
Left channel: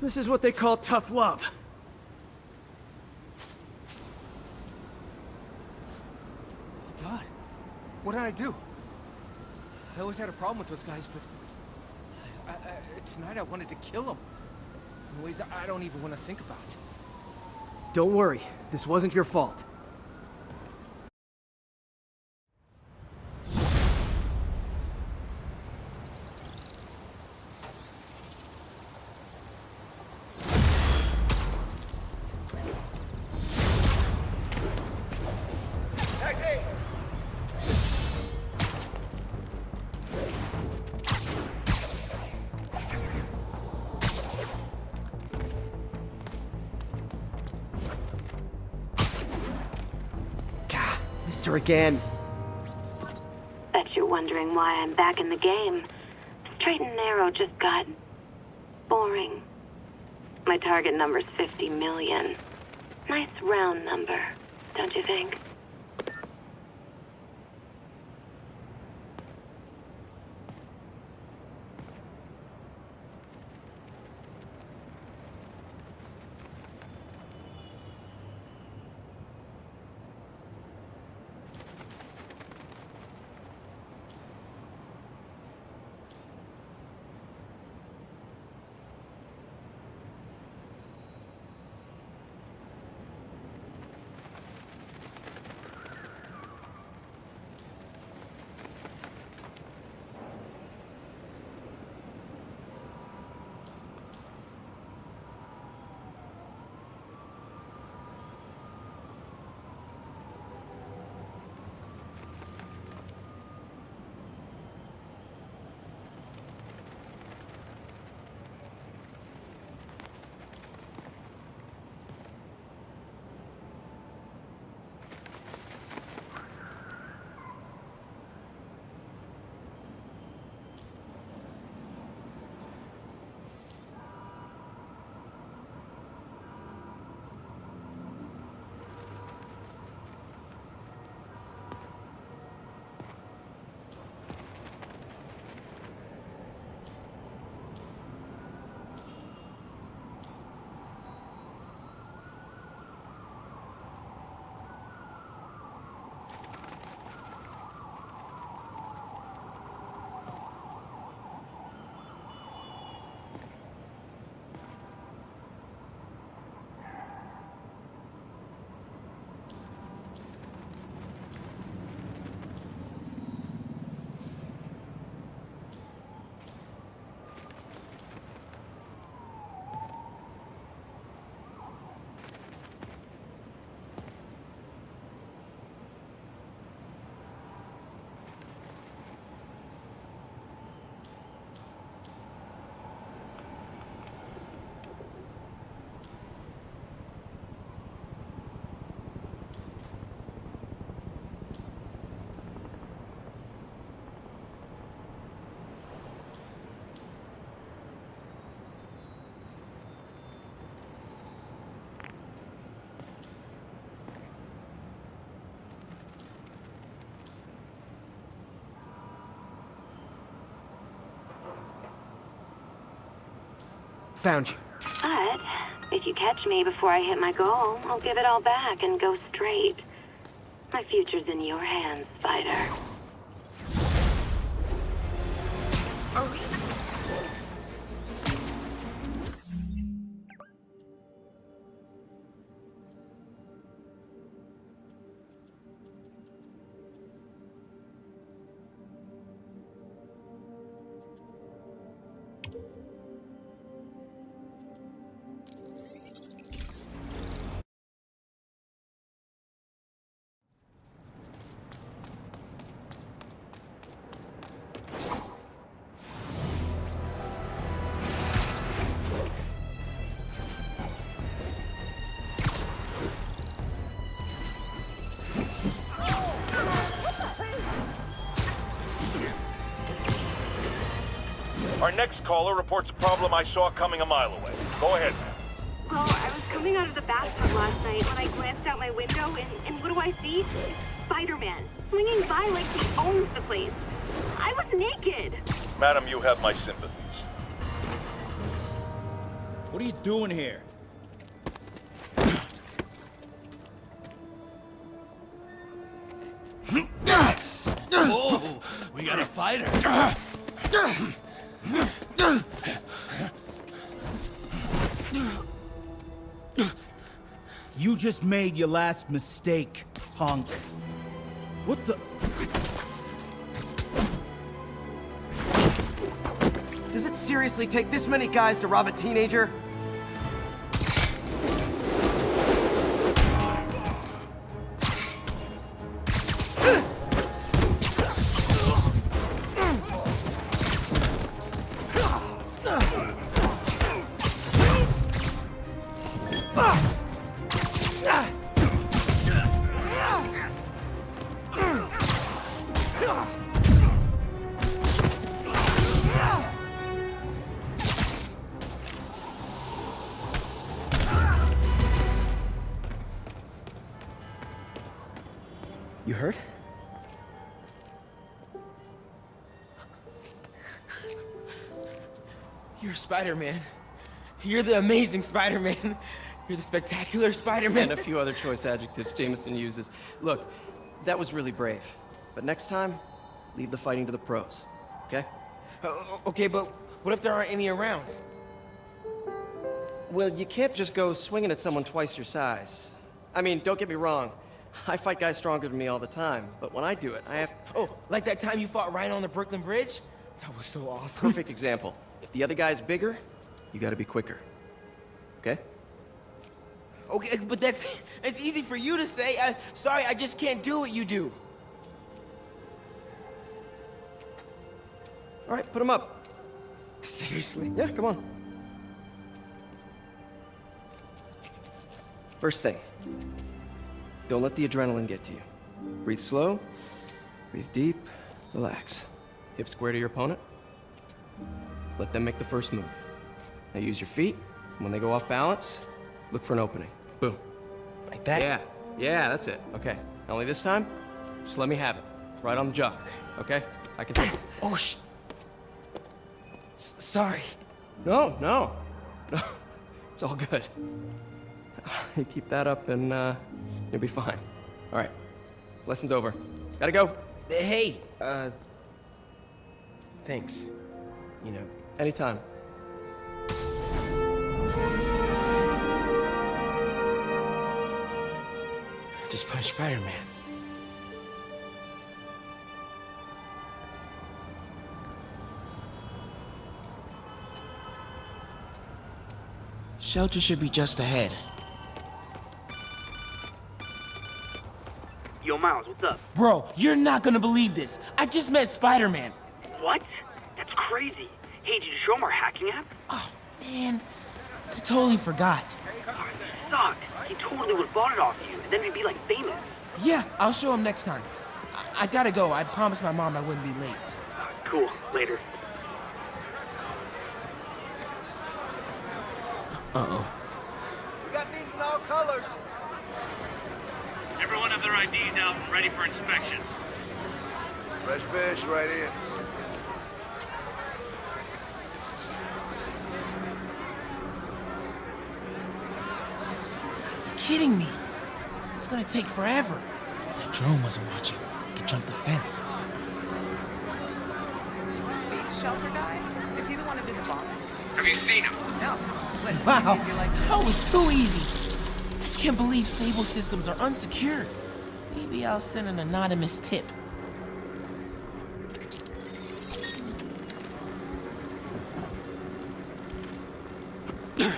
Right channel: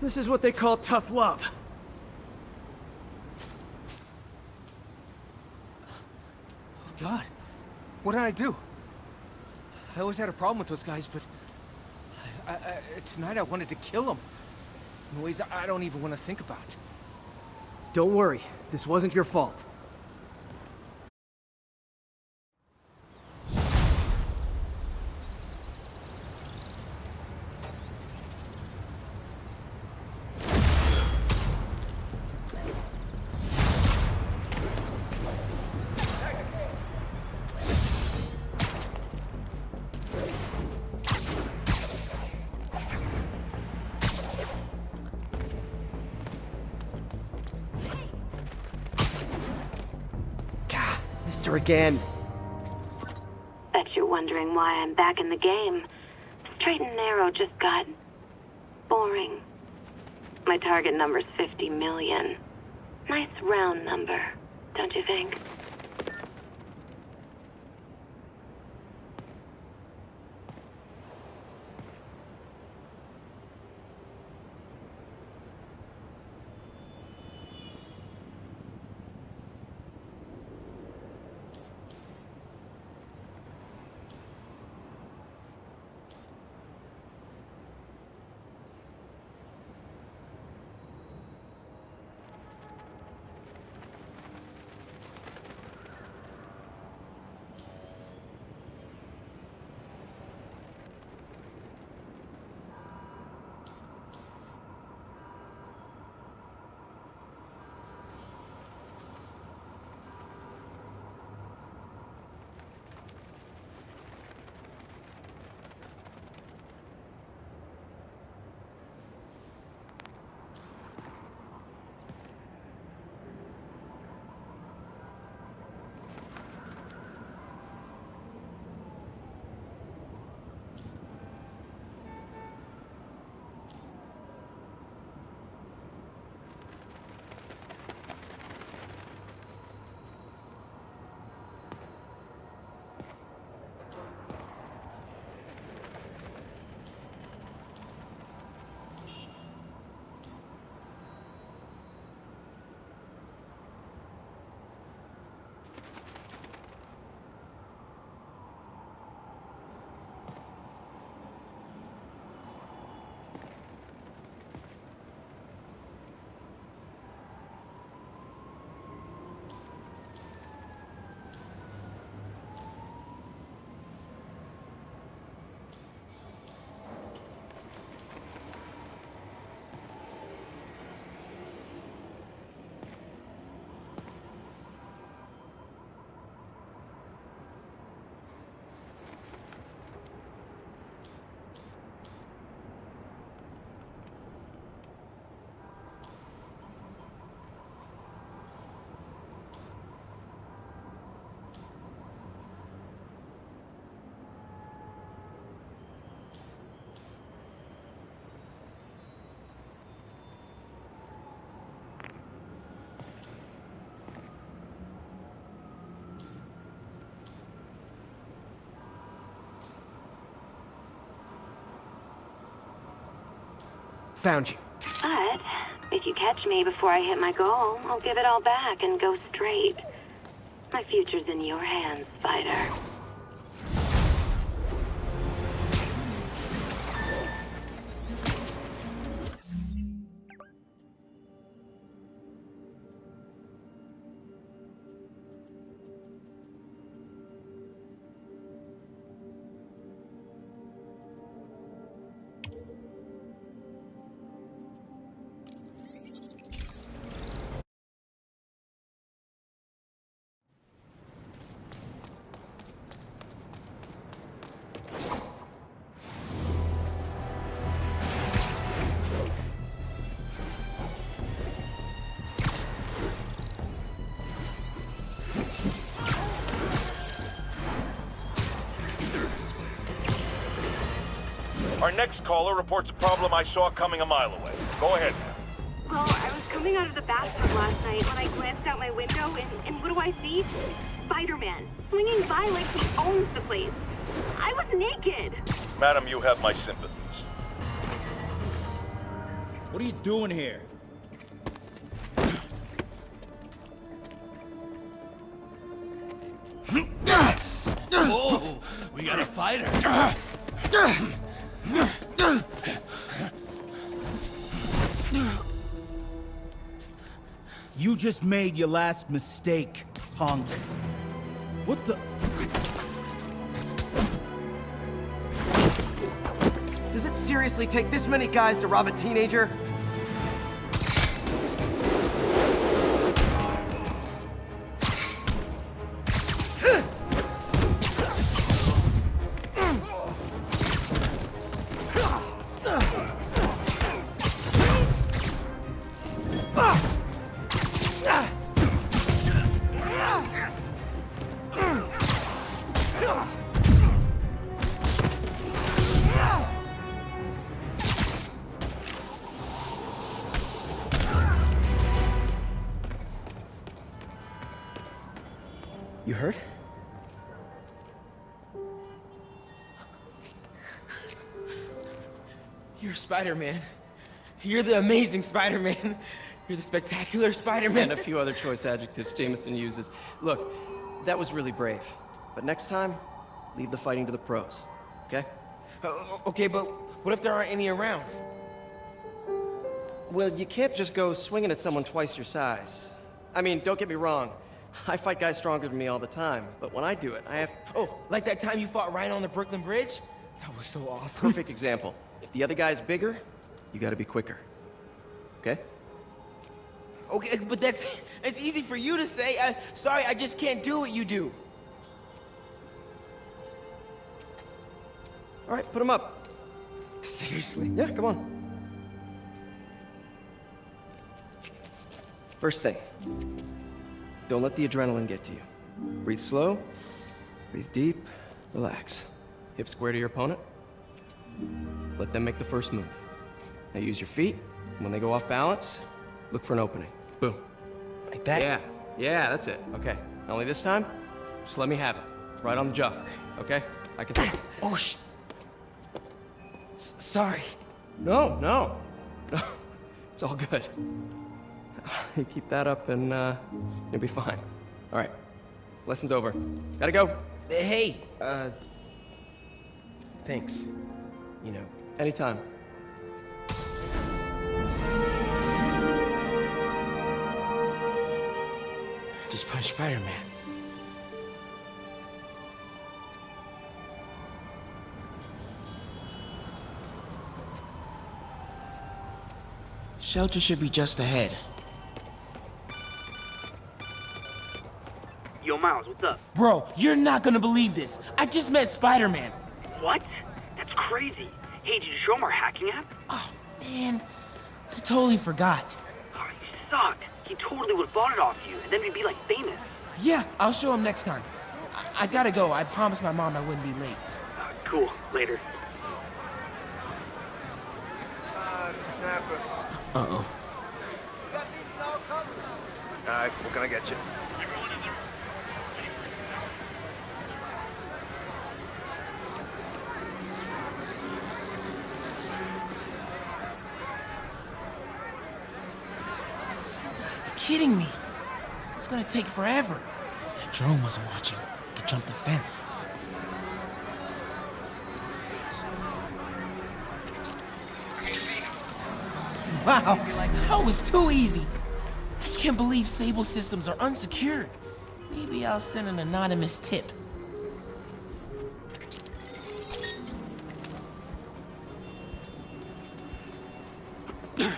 This is what they call tough love. God, what did I do? I always had a problem with those guys, but tonight I wanted to kill them in ways I don't even want to think about. Don't worry, this wasn't your fault. Mister again. Bet you're wondering why I'm back in the game. Straight and narrow just got boring. My target number's 50 million. Nice round number, don't you think? Found you. But if you catch me before I hit my goal, I'll give it all back and go straight. My future's in your hands, Spider. Our next caller reports a problem I saw coming a mile away. Go ahead, ma'am. Well, I was coming out of the bathroom last night when I glanced out my window, and what do I see? Spider Man, swinging by like he owns the place. I was naked. Madam, you have my sympathies. What are you doing here? Oh, we got a fighter. You just made your last mistake, punk. What the? Does it seriously take this many guys to rob a teenager? You hurt? You're Spider-Man. You're the amazing Spider-Man. You're the spectacular Spider-Man. And a few other choice adjectives Jameson uses. Look, that was really brave. But next time, leave the fighting to the pros, okay? Okay, but what if there aren't any around? Well, you can't just go swinging at someone twice your size. I mean, don't get me wrong. I fight guys stronger than me all the time, but when I do it, I have... Oh, like that time you fought Ryan on the Brooklyn Bridge? That was so awesome. Perfect example. If the other guy's bigger, you gotta be quicker. Okay? Okay, but that's easy for you to say. Sorry, I just can't do what you do. All right, put him up. Seriously? Yeah, come on. First thing, don't let the adrenaline get to you. Breathe slow, breathe deep, relax. Hip square to your opponent. Let them make the first move. Now use your feet. When they go off balance, look for an opening. Boom. Like that? Yeah, that's it. Okay. Only this time, just let me have it. Right on the jaw. Okay? I can take it. Oh, sorry. No. It's all good. You keep that up and you'll be fine. All right. Lesson's over. Gotta go. Hey, thanks. You know. Anytime. Just punch Spider-Man. Shelter should be just ahead. Yo, Miles, what's up? Bro, you're not gonna believe this. I just met Spider-Man. What? That's crazy. Hey, did you show him our hacking app? Oh, man. I totally forgot. Oh, you suck. He totally would have bought it off you, and then we'd be, like, famous. Yeah, I'll show him next time. I gotta go. I promised my mom I wouldn't be late. Cool. Later. Uh-oh. We got these in all colors. Gonna get you. Everyone have their IDs out and ready for inspection. Fresh fish right here. kidding me? It's gonna take forever. That drone wasn't watching. Could jump the fence. Have you seen him? Wow, that was too easy. I can't believe Sable systems are unsecured. Maybe I'll send an anonymous tip. Okay,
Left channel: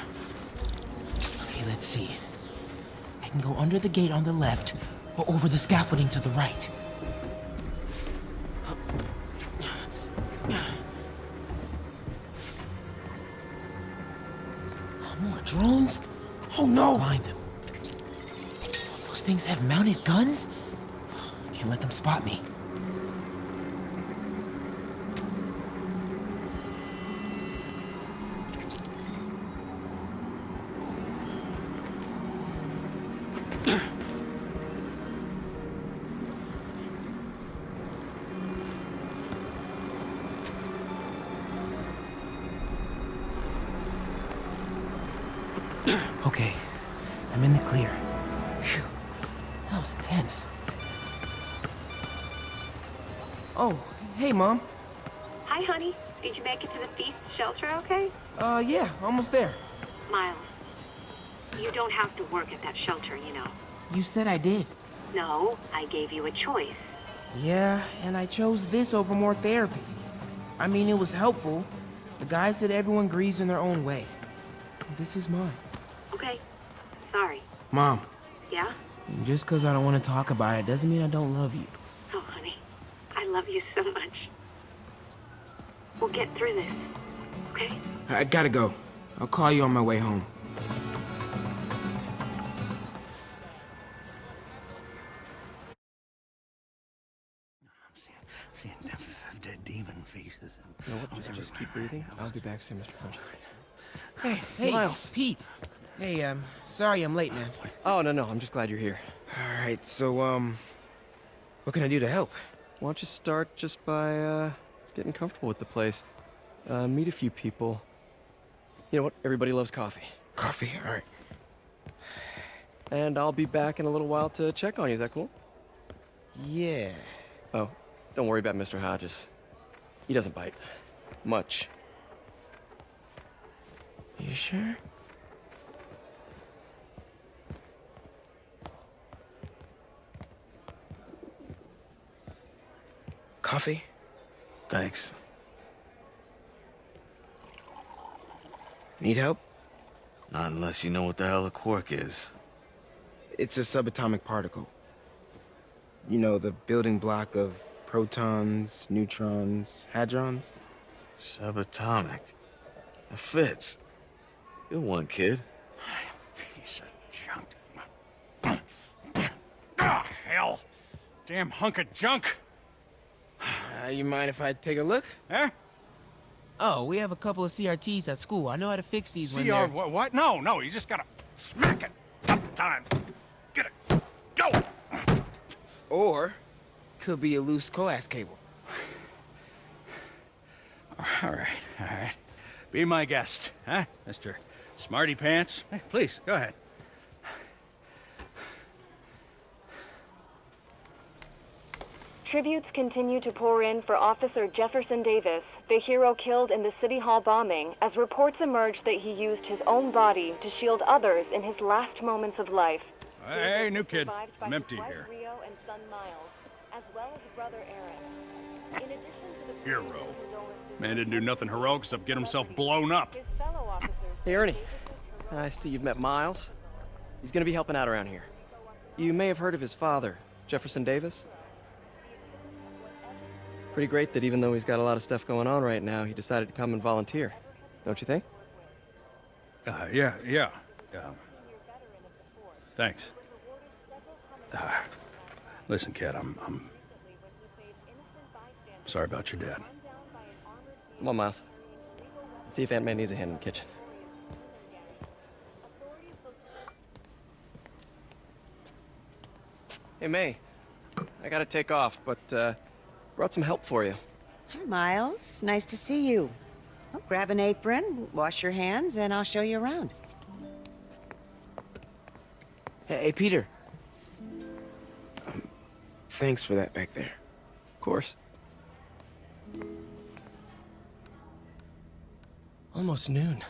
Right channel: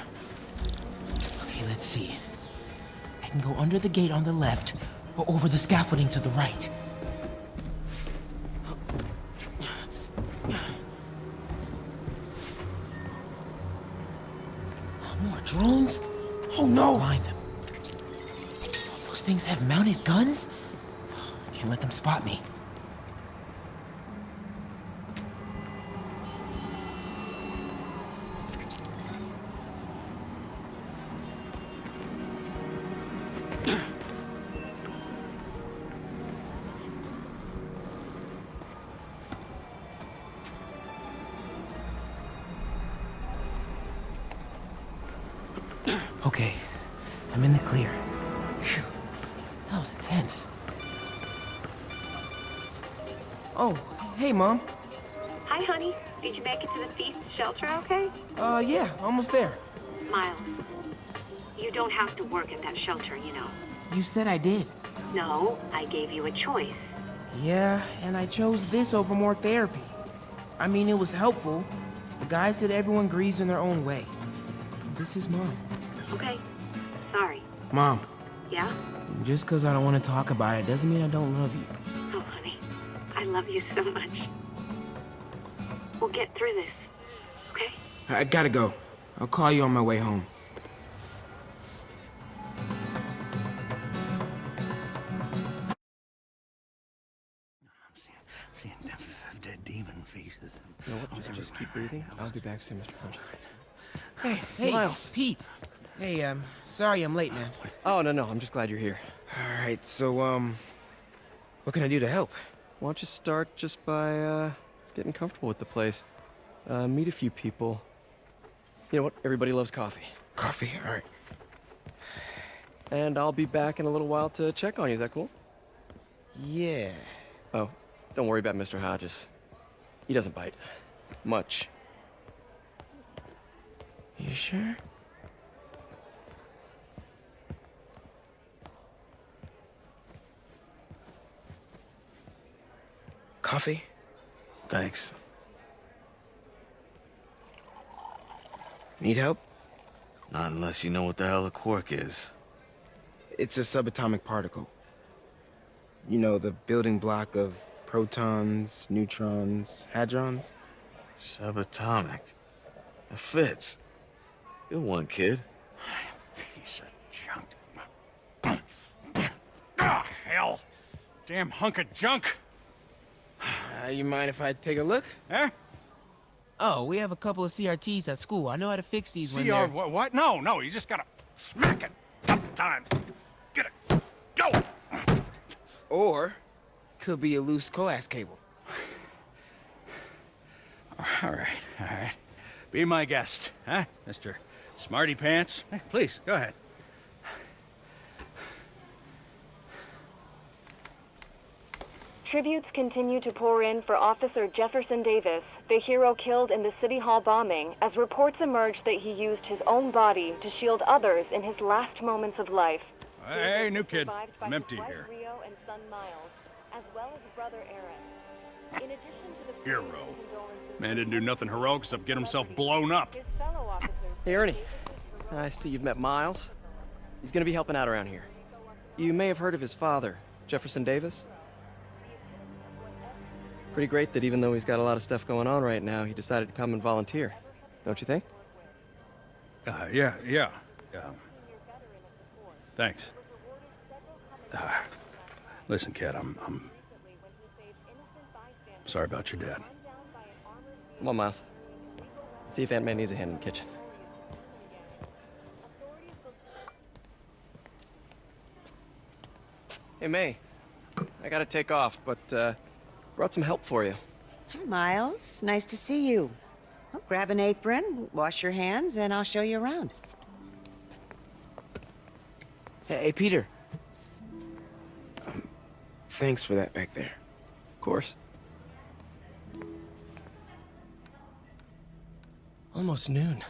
let's see. I can go under the gate on the left, or over the scaffolding to the right. More drones? Oh no! Blind them. Those things have mounted guns? Can't let them spot me. Okay, I'm in the clear. Phew, that was intense. Oh, hey, Mom. Hi, honey. Did you make it to the feast shelter okay? Yeah, almost there. Miles, you don't have to work at that shelter, you know. You said I did. No, I gave you a choice. Yeah, and I chose this over more therapy. I mean, it was helpful. The guy said everyone grieves in their own way. This is mine. Okay. Sorry. Mom, Yeah? just because I don't want to talk about it doesn't mean I don't love you. Oh, honey. I love you so much. We'll get through this. Okay? I gotta go. I'll call you on my way home. Seeing dead demon faces. You know what? Just keep breathing. I'll be back soon, Mr. Punch. Hey, Miles. Pete. Hey, sorry I'm late, man. Oh, no, I'm just glad you're here. All right, so, what can I do to help? Why don't you start just by, getting comfortable with the place? Meet a few people. You know what? Everybody loves coffee. Coffee? All right. And I'll be back in a little while to check on you. Is that cool? Yeah. Oh, don't worry about Mr. Hodges. He doesn't bite. Much. You sure? Coffee? Thanks. Need help? Not unless you know what the hell a quark is. It's a subatomic particle. You know, the building block of protons, neutrons, hadrons? Subatomic. It fits. Good one, kid. Piece of junk. Ah, hell. Damn hunk of junk. You mind if I take a look? Huh? Oh, we have a couple of CRTs at school. I know how to fix these when CR, they're... what? No, you just gotta smack it. Couple times. Get it. Go! Or, could be a loose coax cable. All right. Be my guest, huh, Mr. Smarty Pants? Hey, please, go ahead. Tributes continue to pour in for Officer Jefferson Davis, the hero killed in the City Hall bombing, as reports emerge that he used his own body to shield others in his last moments of life. Hey, new kid. Survived by I'm his empty wife here. Rio and son Miles, as well as brother Aaron. In addition to the Hero. condolences Man didn't do nothing heroic except get himself blown up. his fellow officers Hey, Ernie. Davis's heroic I see you've met Miles. He's gonna be helping out around here. You may have heard of his father, Jefferson Davis. Pretty great that even though he's got a lot of stuff going on right now, he decided to come and volunteer. Don't you think? Yeah. Thanks. Listen, kid, I'm sorry about your dad. Come on, Miles. Let's see if Aunt May needs a hand in the kitchen. Hey, May. I gotta take off, but, brought some help for you. Hi, Miles. Nice to see you. Well, grab an apron, wash your hands, and I'll show you around. Hey, Peter. Thanks for that back there. Of course. Almost noon.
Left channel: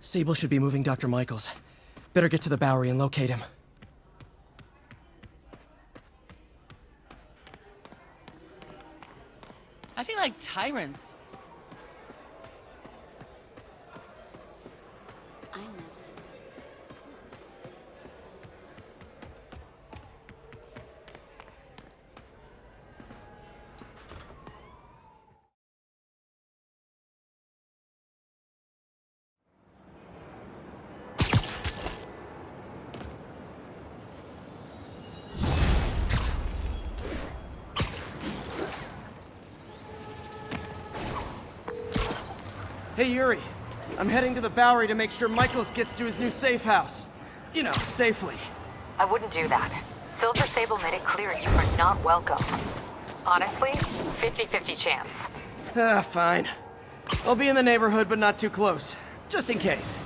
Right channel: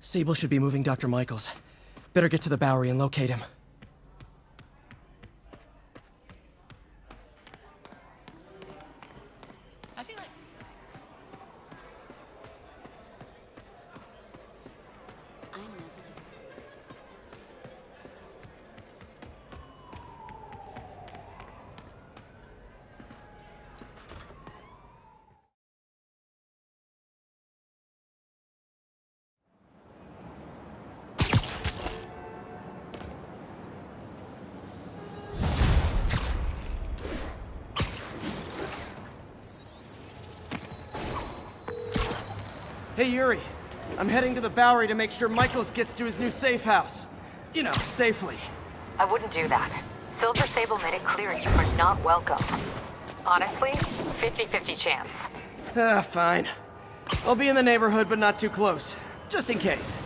Sable should be moving Dr. Michaels. Better get to the Bowery and locate him. I feel like tyrants. I never. Hey, Yuri. I'm heading to the Bowery to make sure Michaels gets to his new safe house. You know, safely. I wouldn't do that. Silver Sable made it clear you are not welcome. Honestly, 50-50 chance. Ah, fine. I'll be in the neighborhood, but not too close. Just in case.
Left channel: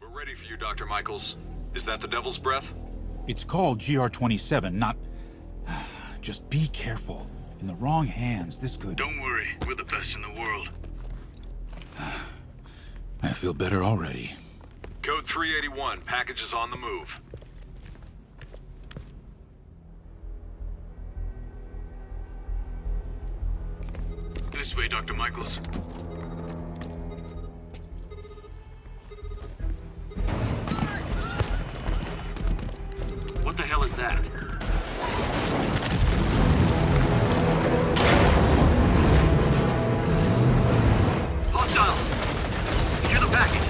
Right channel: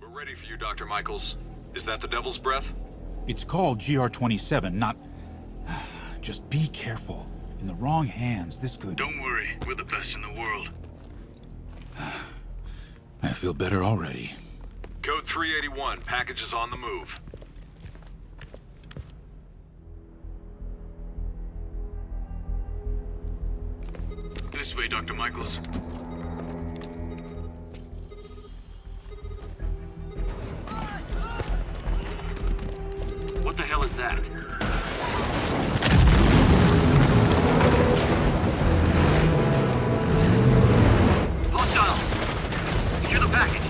We're ready for you, Dr. Michaels. Is that the Devil's Breath? It's called GR-27, not... Just be careful. In the wrong hands, this could... Don't worry, we're the best in the world. I feel better already. Code 381, package is on the move. This way, Dr. Michaels. What the hell is that? Hostile! Secure the package!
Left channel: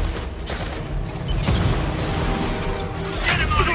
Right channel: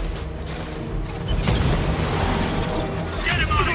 Get him out of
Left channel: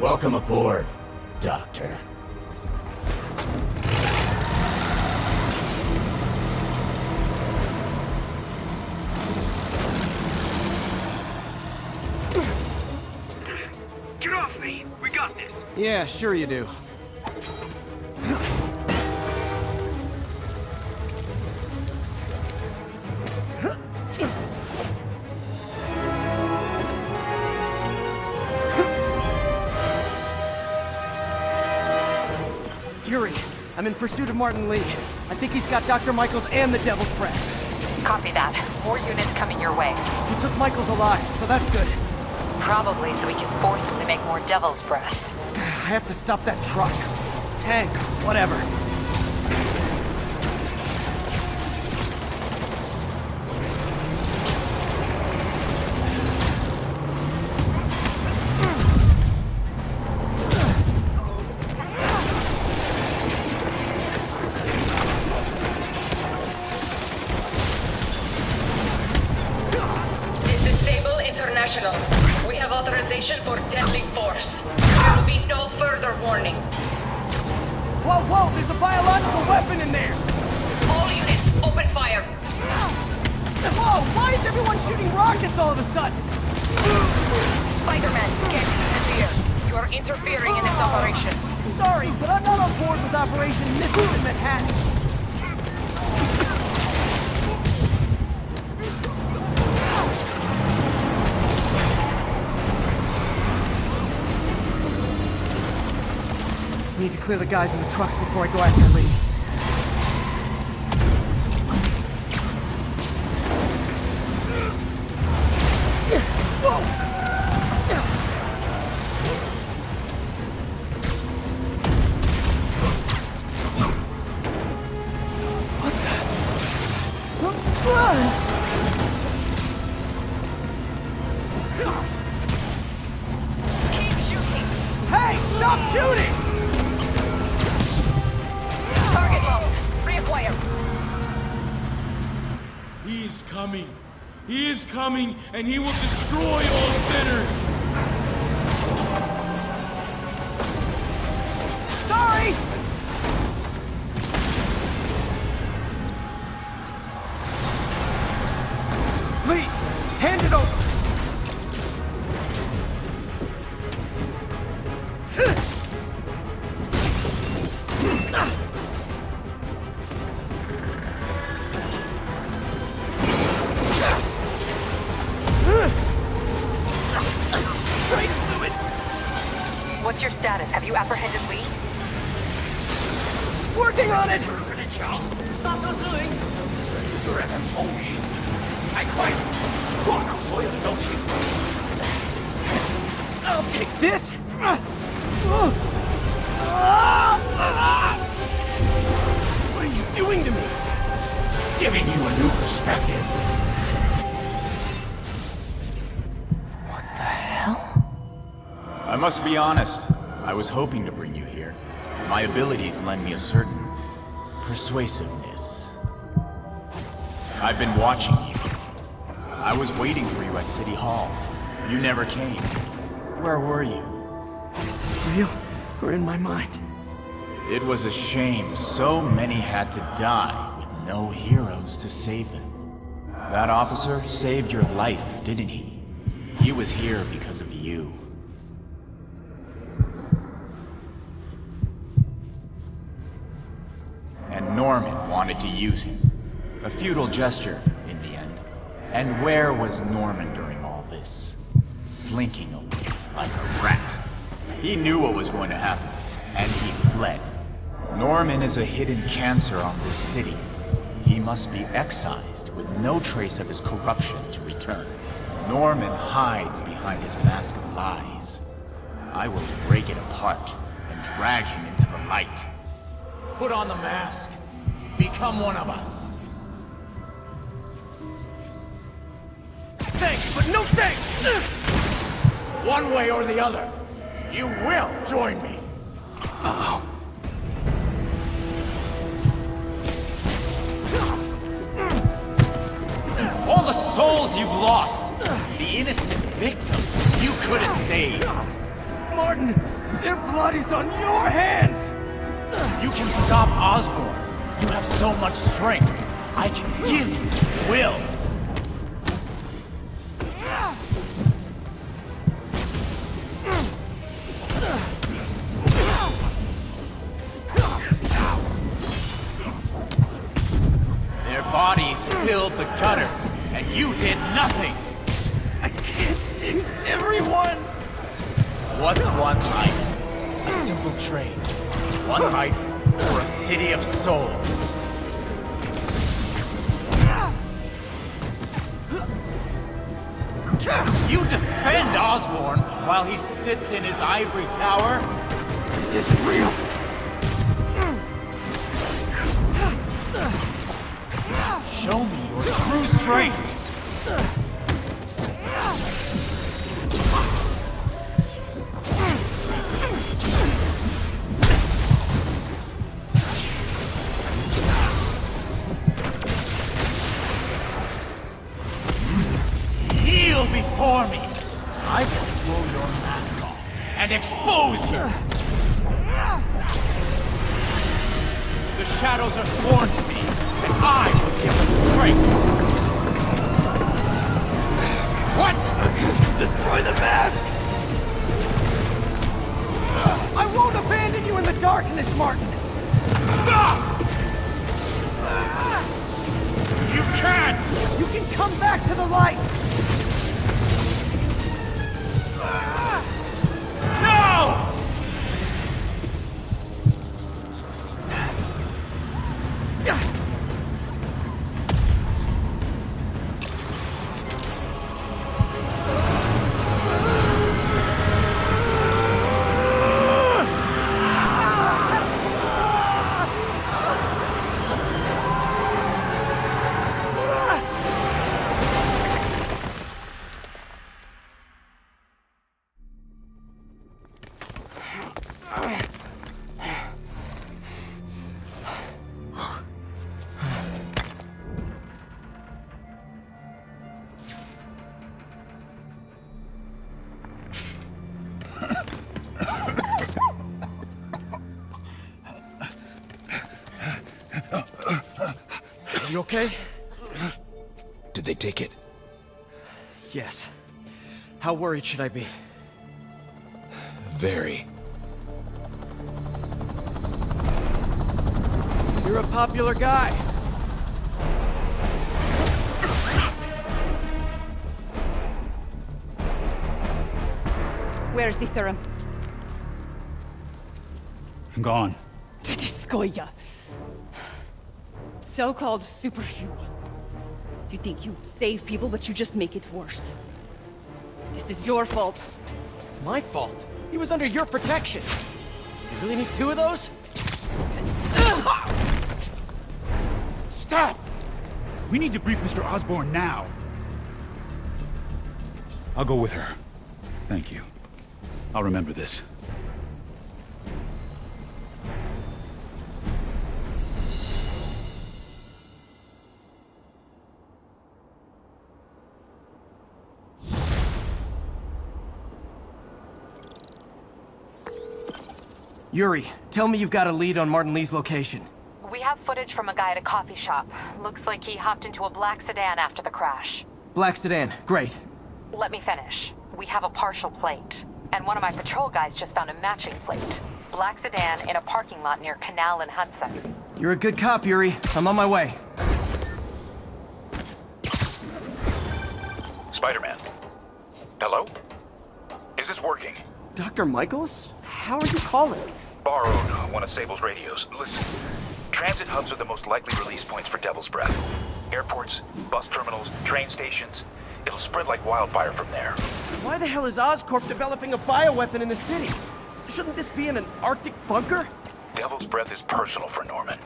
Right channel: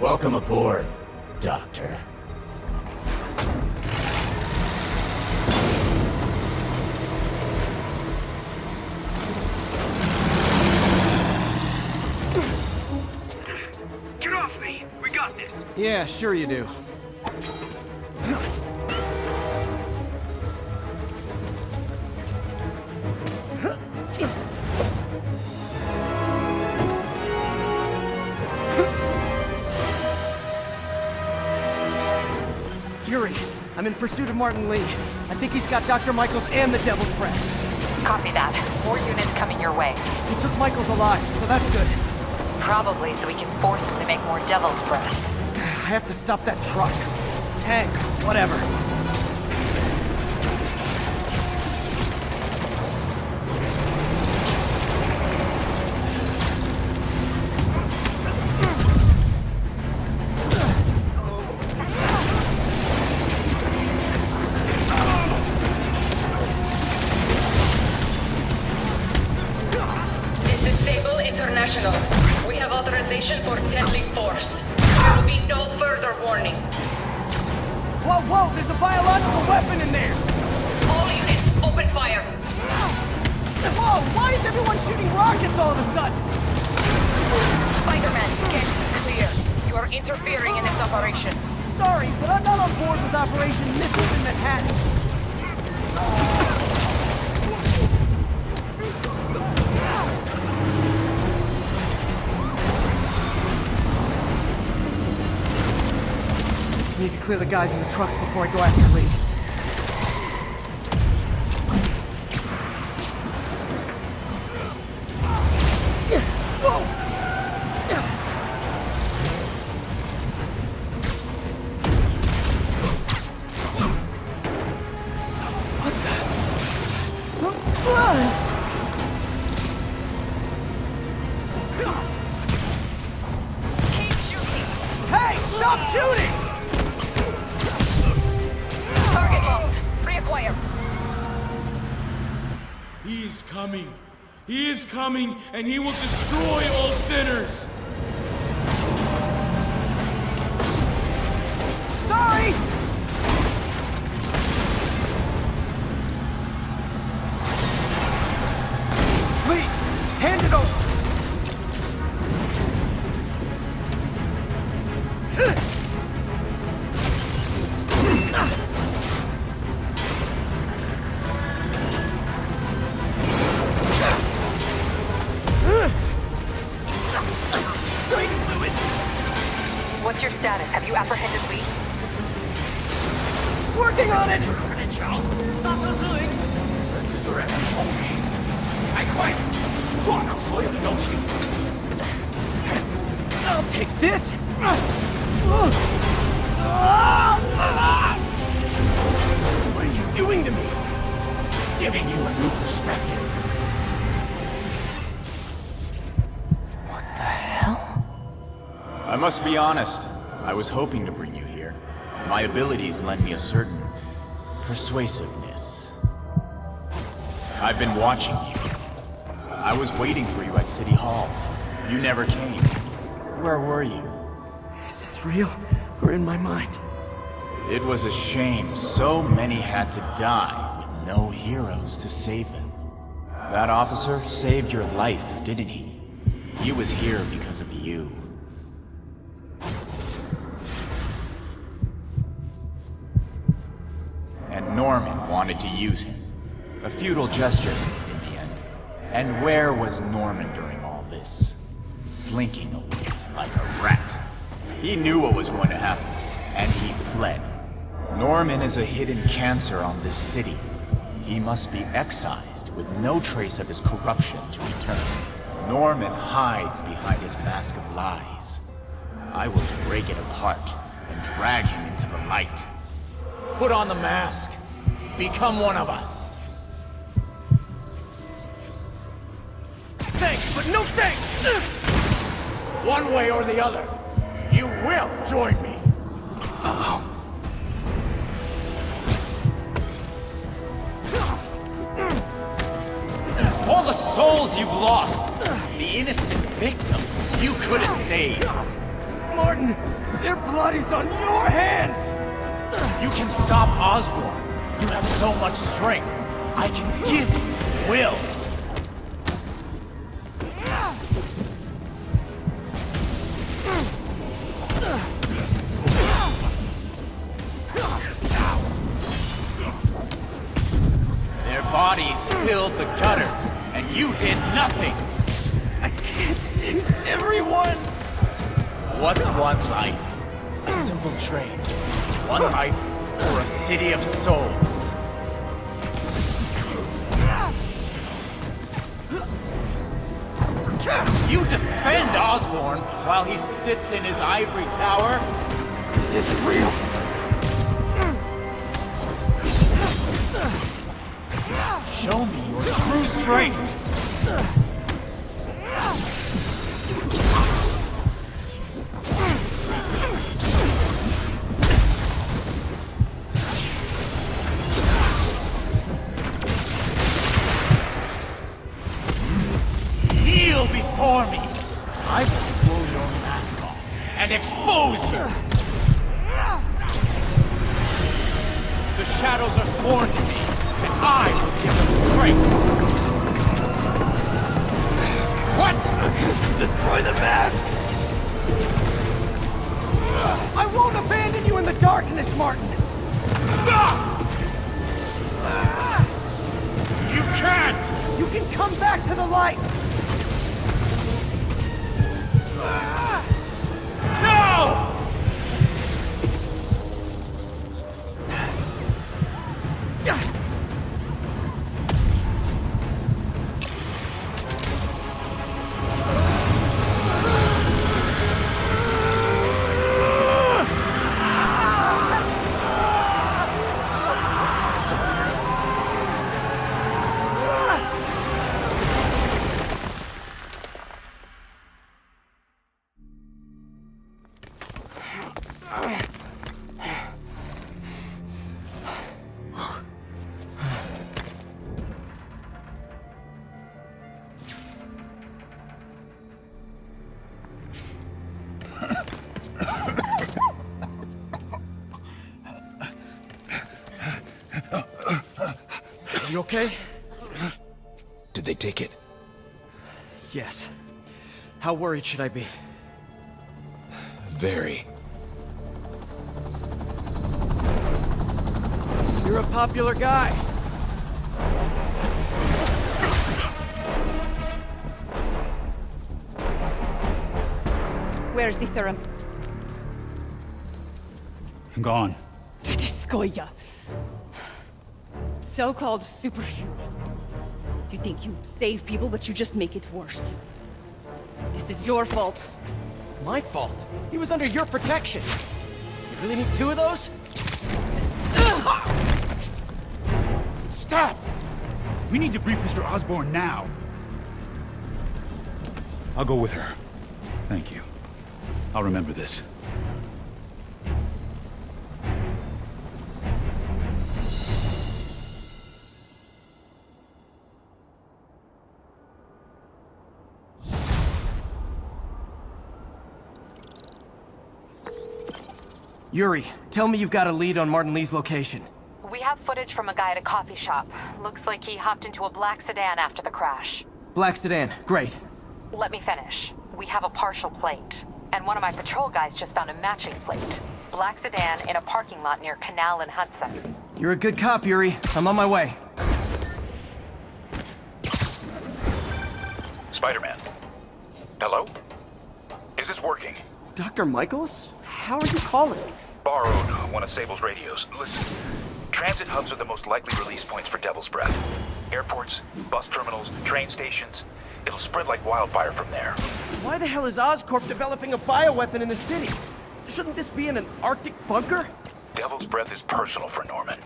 Welcome aboard, Doctor. Get off me! We got this! Yeah, sure you do. Yuri, I'm in pursuit of Martin Lee. I think he's got Dr. Michaels and the Devil's Breath. Copy that. More units coming your way. He took Michaels alive, so that's good. Probably so we can force him to make more Devil's Breath. I have to stop that truck. Tank, whatever. This is Sable International. We have authorization for deadly force. There will be no further warning. Whoa, whoa, there's a biological weapon in there! All units, open fire! Whoa, why is everyone shooting rockets all of a sudden? Spider-Man, get clear. You are interfering in this operation. Sorry, but I'm not on board with Operation Missiles in Manhattan. I need to clear the guys in the trucks before I go after Lee. coming. He is coming, and he will destroy all sinners. Sorry! Lee, hand it over. What's your status? Have you apprehended Lee? Working on it! 刹车失灵，这人很聪明，太快了，撞到所有的东西。I'll take this! What are you doing to me? Giving you a new perspective. What the hell? I must be honest. I was hoping to bring you here. My abilities lend me a certain persuasiveness. I've been watching you. I was waiting for you at City Hall. You never came. Where were you? Is this real or in my mind? It was a shame so many had to die with no heroes to save them. That officer saved your life, didn't he? He was here because of you. And Norman wanted to use him. A futile gesture, in the end. And where was Norman during all this? Slinking away like a rat. He knew what was going to happen, and he fled. Norman is a hidden cancer on this city. He must be excised with no trace of his corruption to return. Norman hides behind his mask of lies. I will break it apart and drag him into the light. Put on the mask. Become one of us. Thanks, but no thanks! One way or the other, you will join me. Uh-oh. All the souls you've lost, the innocent victims you couldn't save. Martin, their blood is on your hands! You can stop Osborn. You have so much strength. I can give you will. Their bodies filled the gutters, and you did nothing. I can't save everyone! What's one life? A simple trade. One life for a city of souls. You defend Osborn while he sits in his ivory tower? This isn't real! Show me your true strength! Kneel before me! I will throw your mask off and expose you! The shadows are sworn to me, and I will give them strength! What? Destroy the mask! I won't abandon you in the darkness, Martin! You can't! You can come back to the light! No! You okay? Did they take it? Yes. How worried should I be? Very. You're a popular guy. Where's the serum? Gone. Skoya. So-called superhero. You think you save people, but you just make it worse. This is your fault. My fault? He was under your protection. You really need 2 of those? Stop! We need to brief Mr. Osborn now. I'll go with her. Thank you. I'll remember this. Yuri, tell me you've got a lead on Martin Lee's location. We have footage from a guy at a coffee shop. Looks like he hopped into a black sedan after the crash. Black sedan, great. Let me finish. We have a partial plate. And one of my patrol guys just found a matching plate. Black sedan in a parking lot near Canal and Hudson. You're a good cop, Yuri. I'm on my way. Spider-Man. Hello? Is this working? Dr. Michaels? How are you calling? Borrowed one of Sable's radios. Listen, transit hubs are the most likely release points for Devil's Breath. Airports, bus terminals, train stations. It'll spread like wildfire from there. Why the hell is Oscorp developing a bioweapon in the city? Shouldn't this be in an Arctic bunker? Devil's Breath is personal for Norman.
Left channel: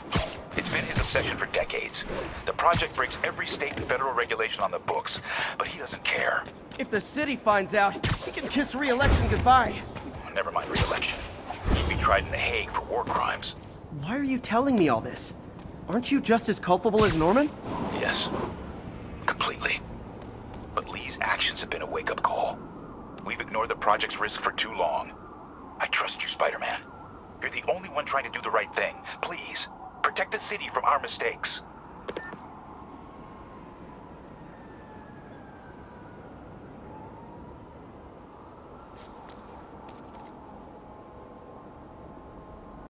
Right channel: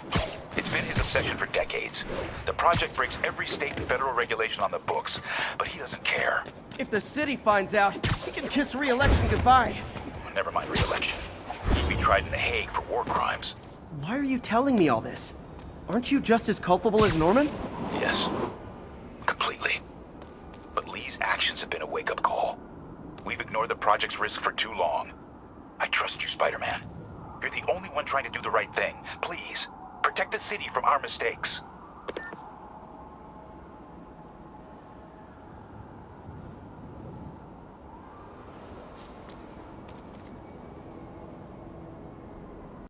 It's been his obsession for decades. The project breaks every state and federal regulation on the books, but he doesn't care. If the city finds out, he can kiss re-election goodbye. Never mind re-election. He'd be tried in The Hague for war crimes. Why are you telling me all this? Aren't you just as culpable as Norman? Yes. Completely. But Lee's actions have been a wake-up call. We've ignored the project's risk for too long. I trust you, Spider-Man. You're the only one trying to do the right thing. Please, protect the city from our mistakes.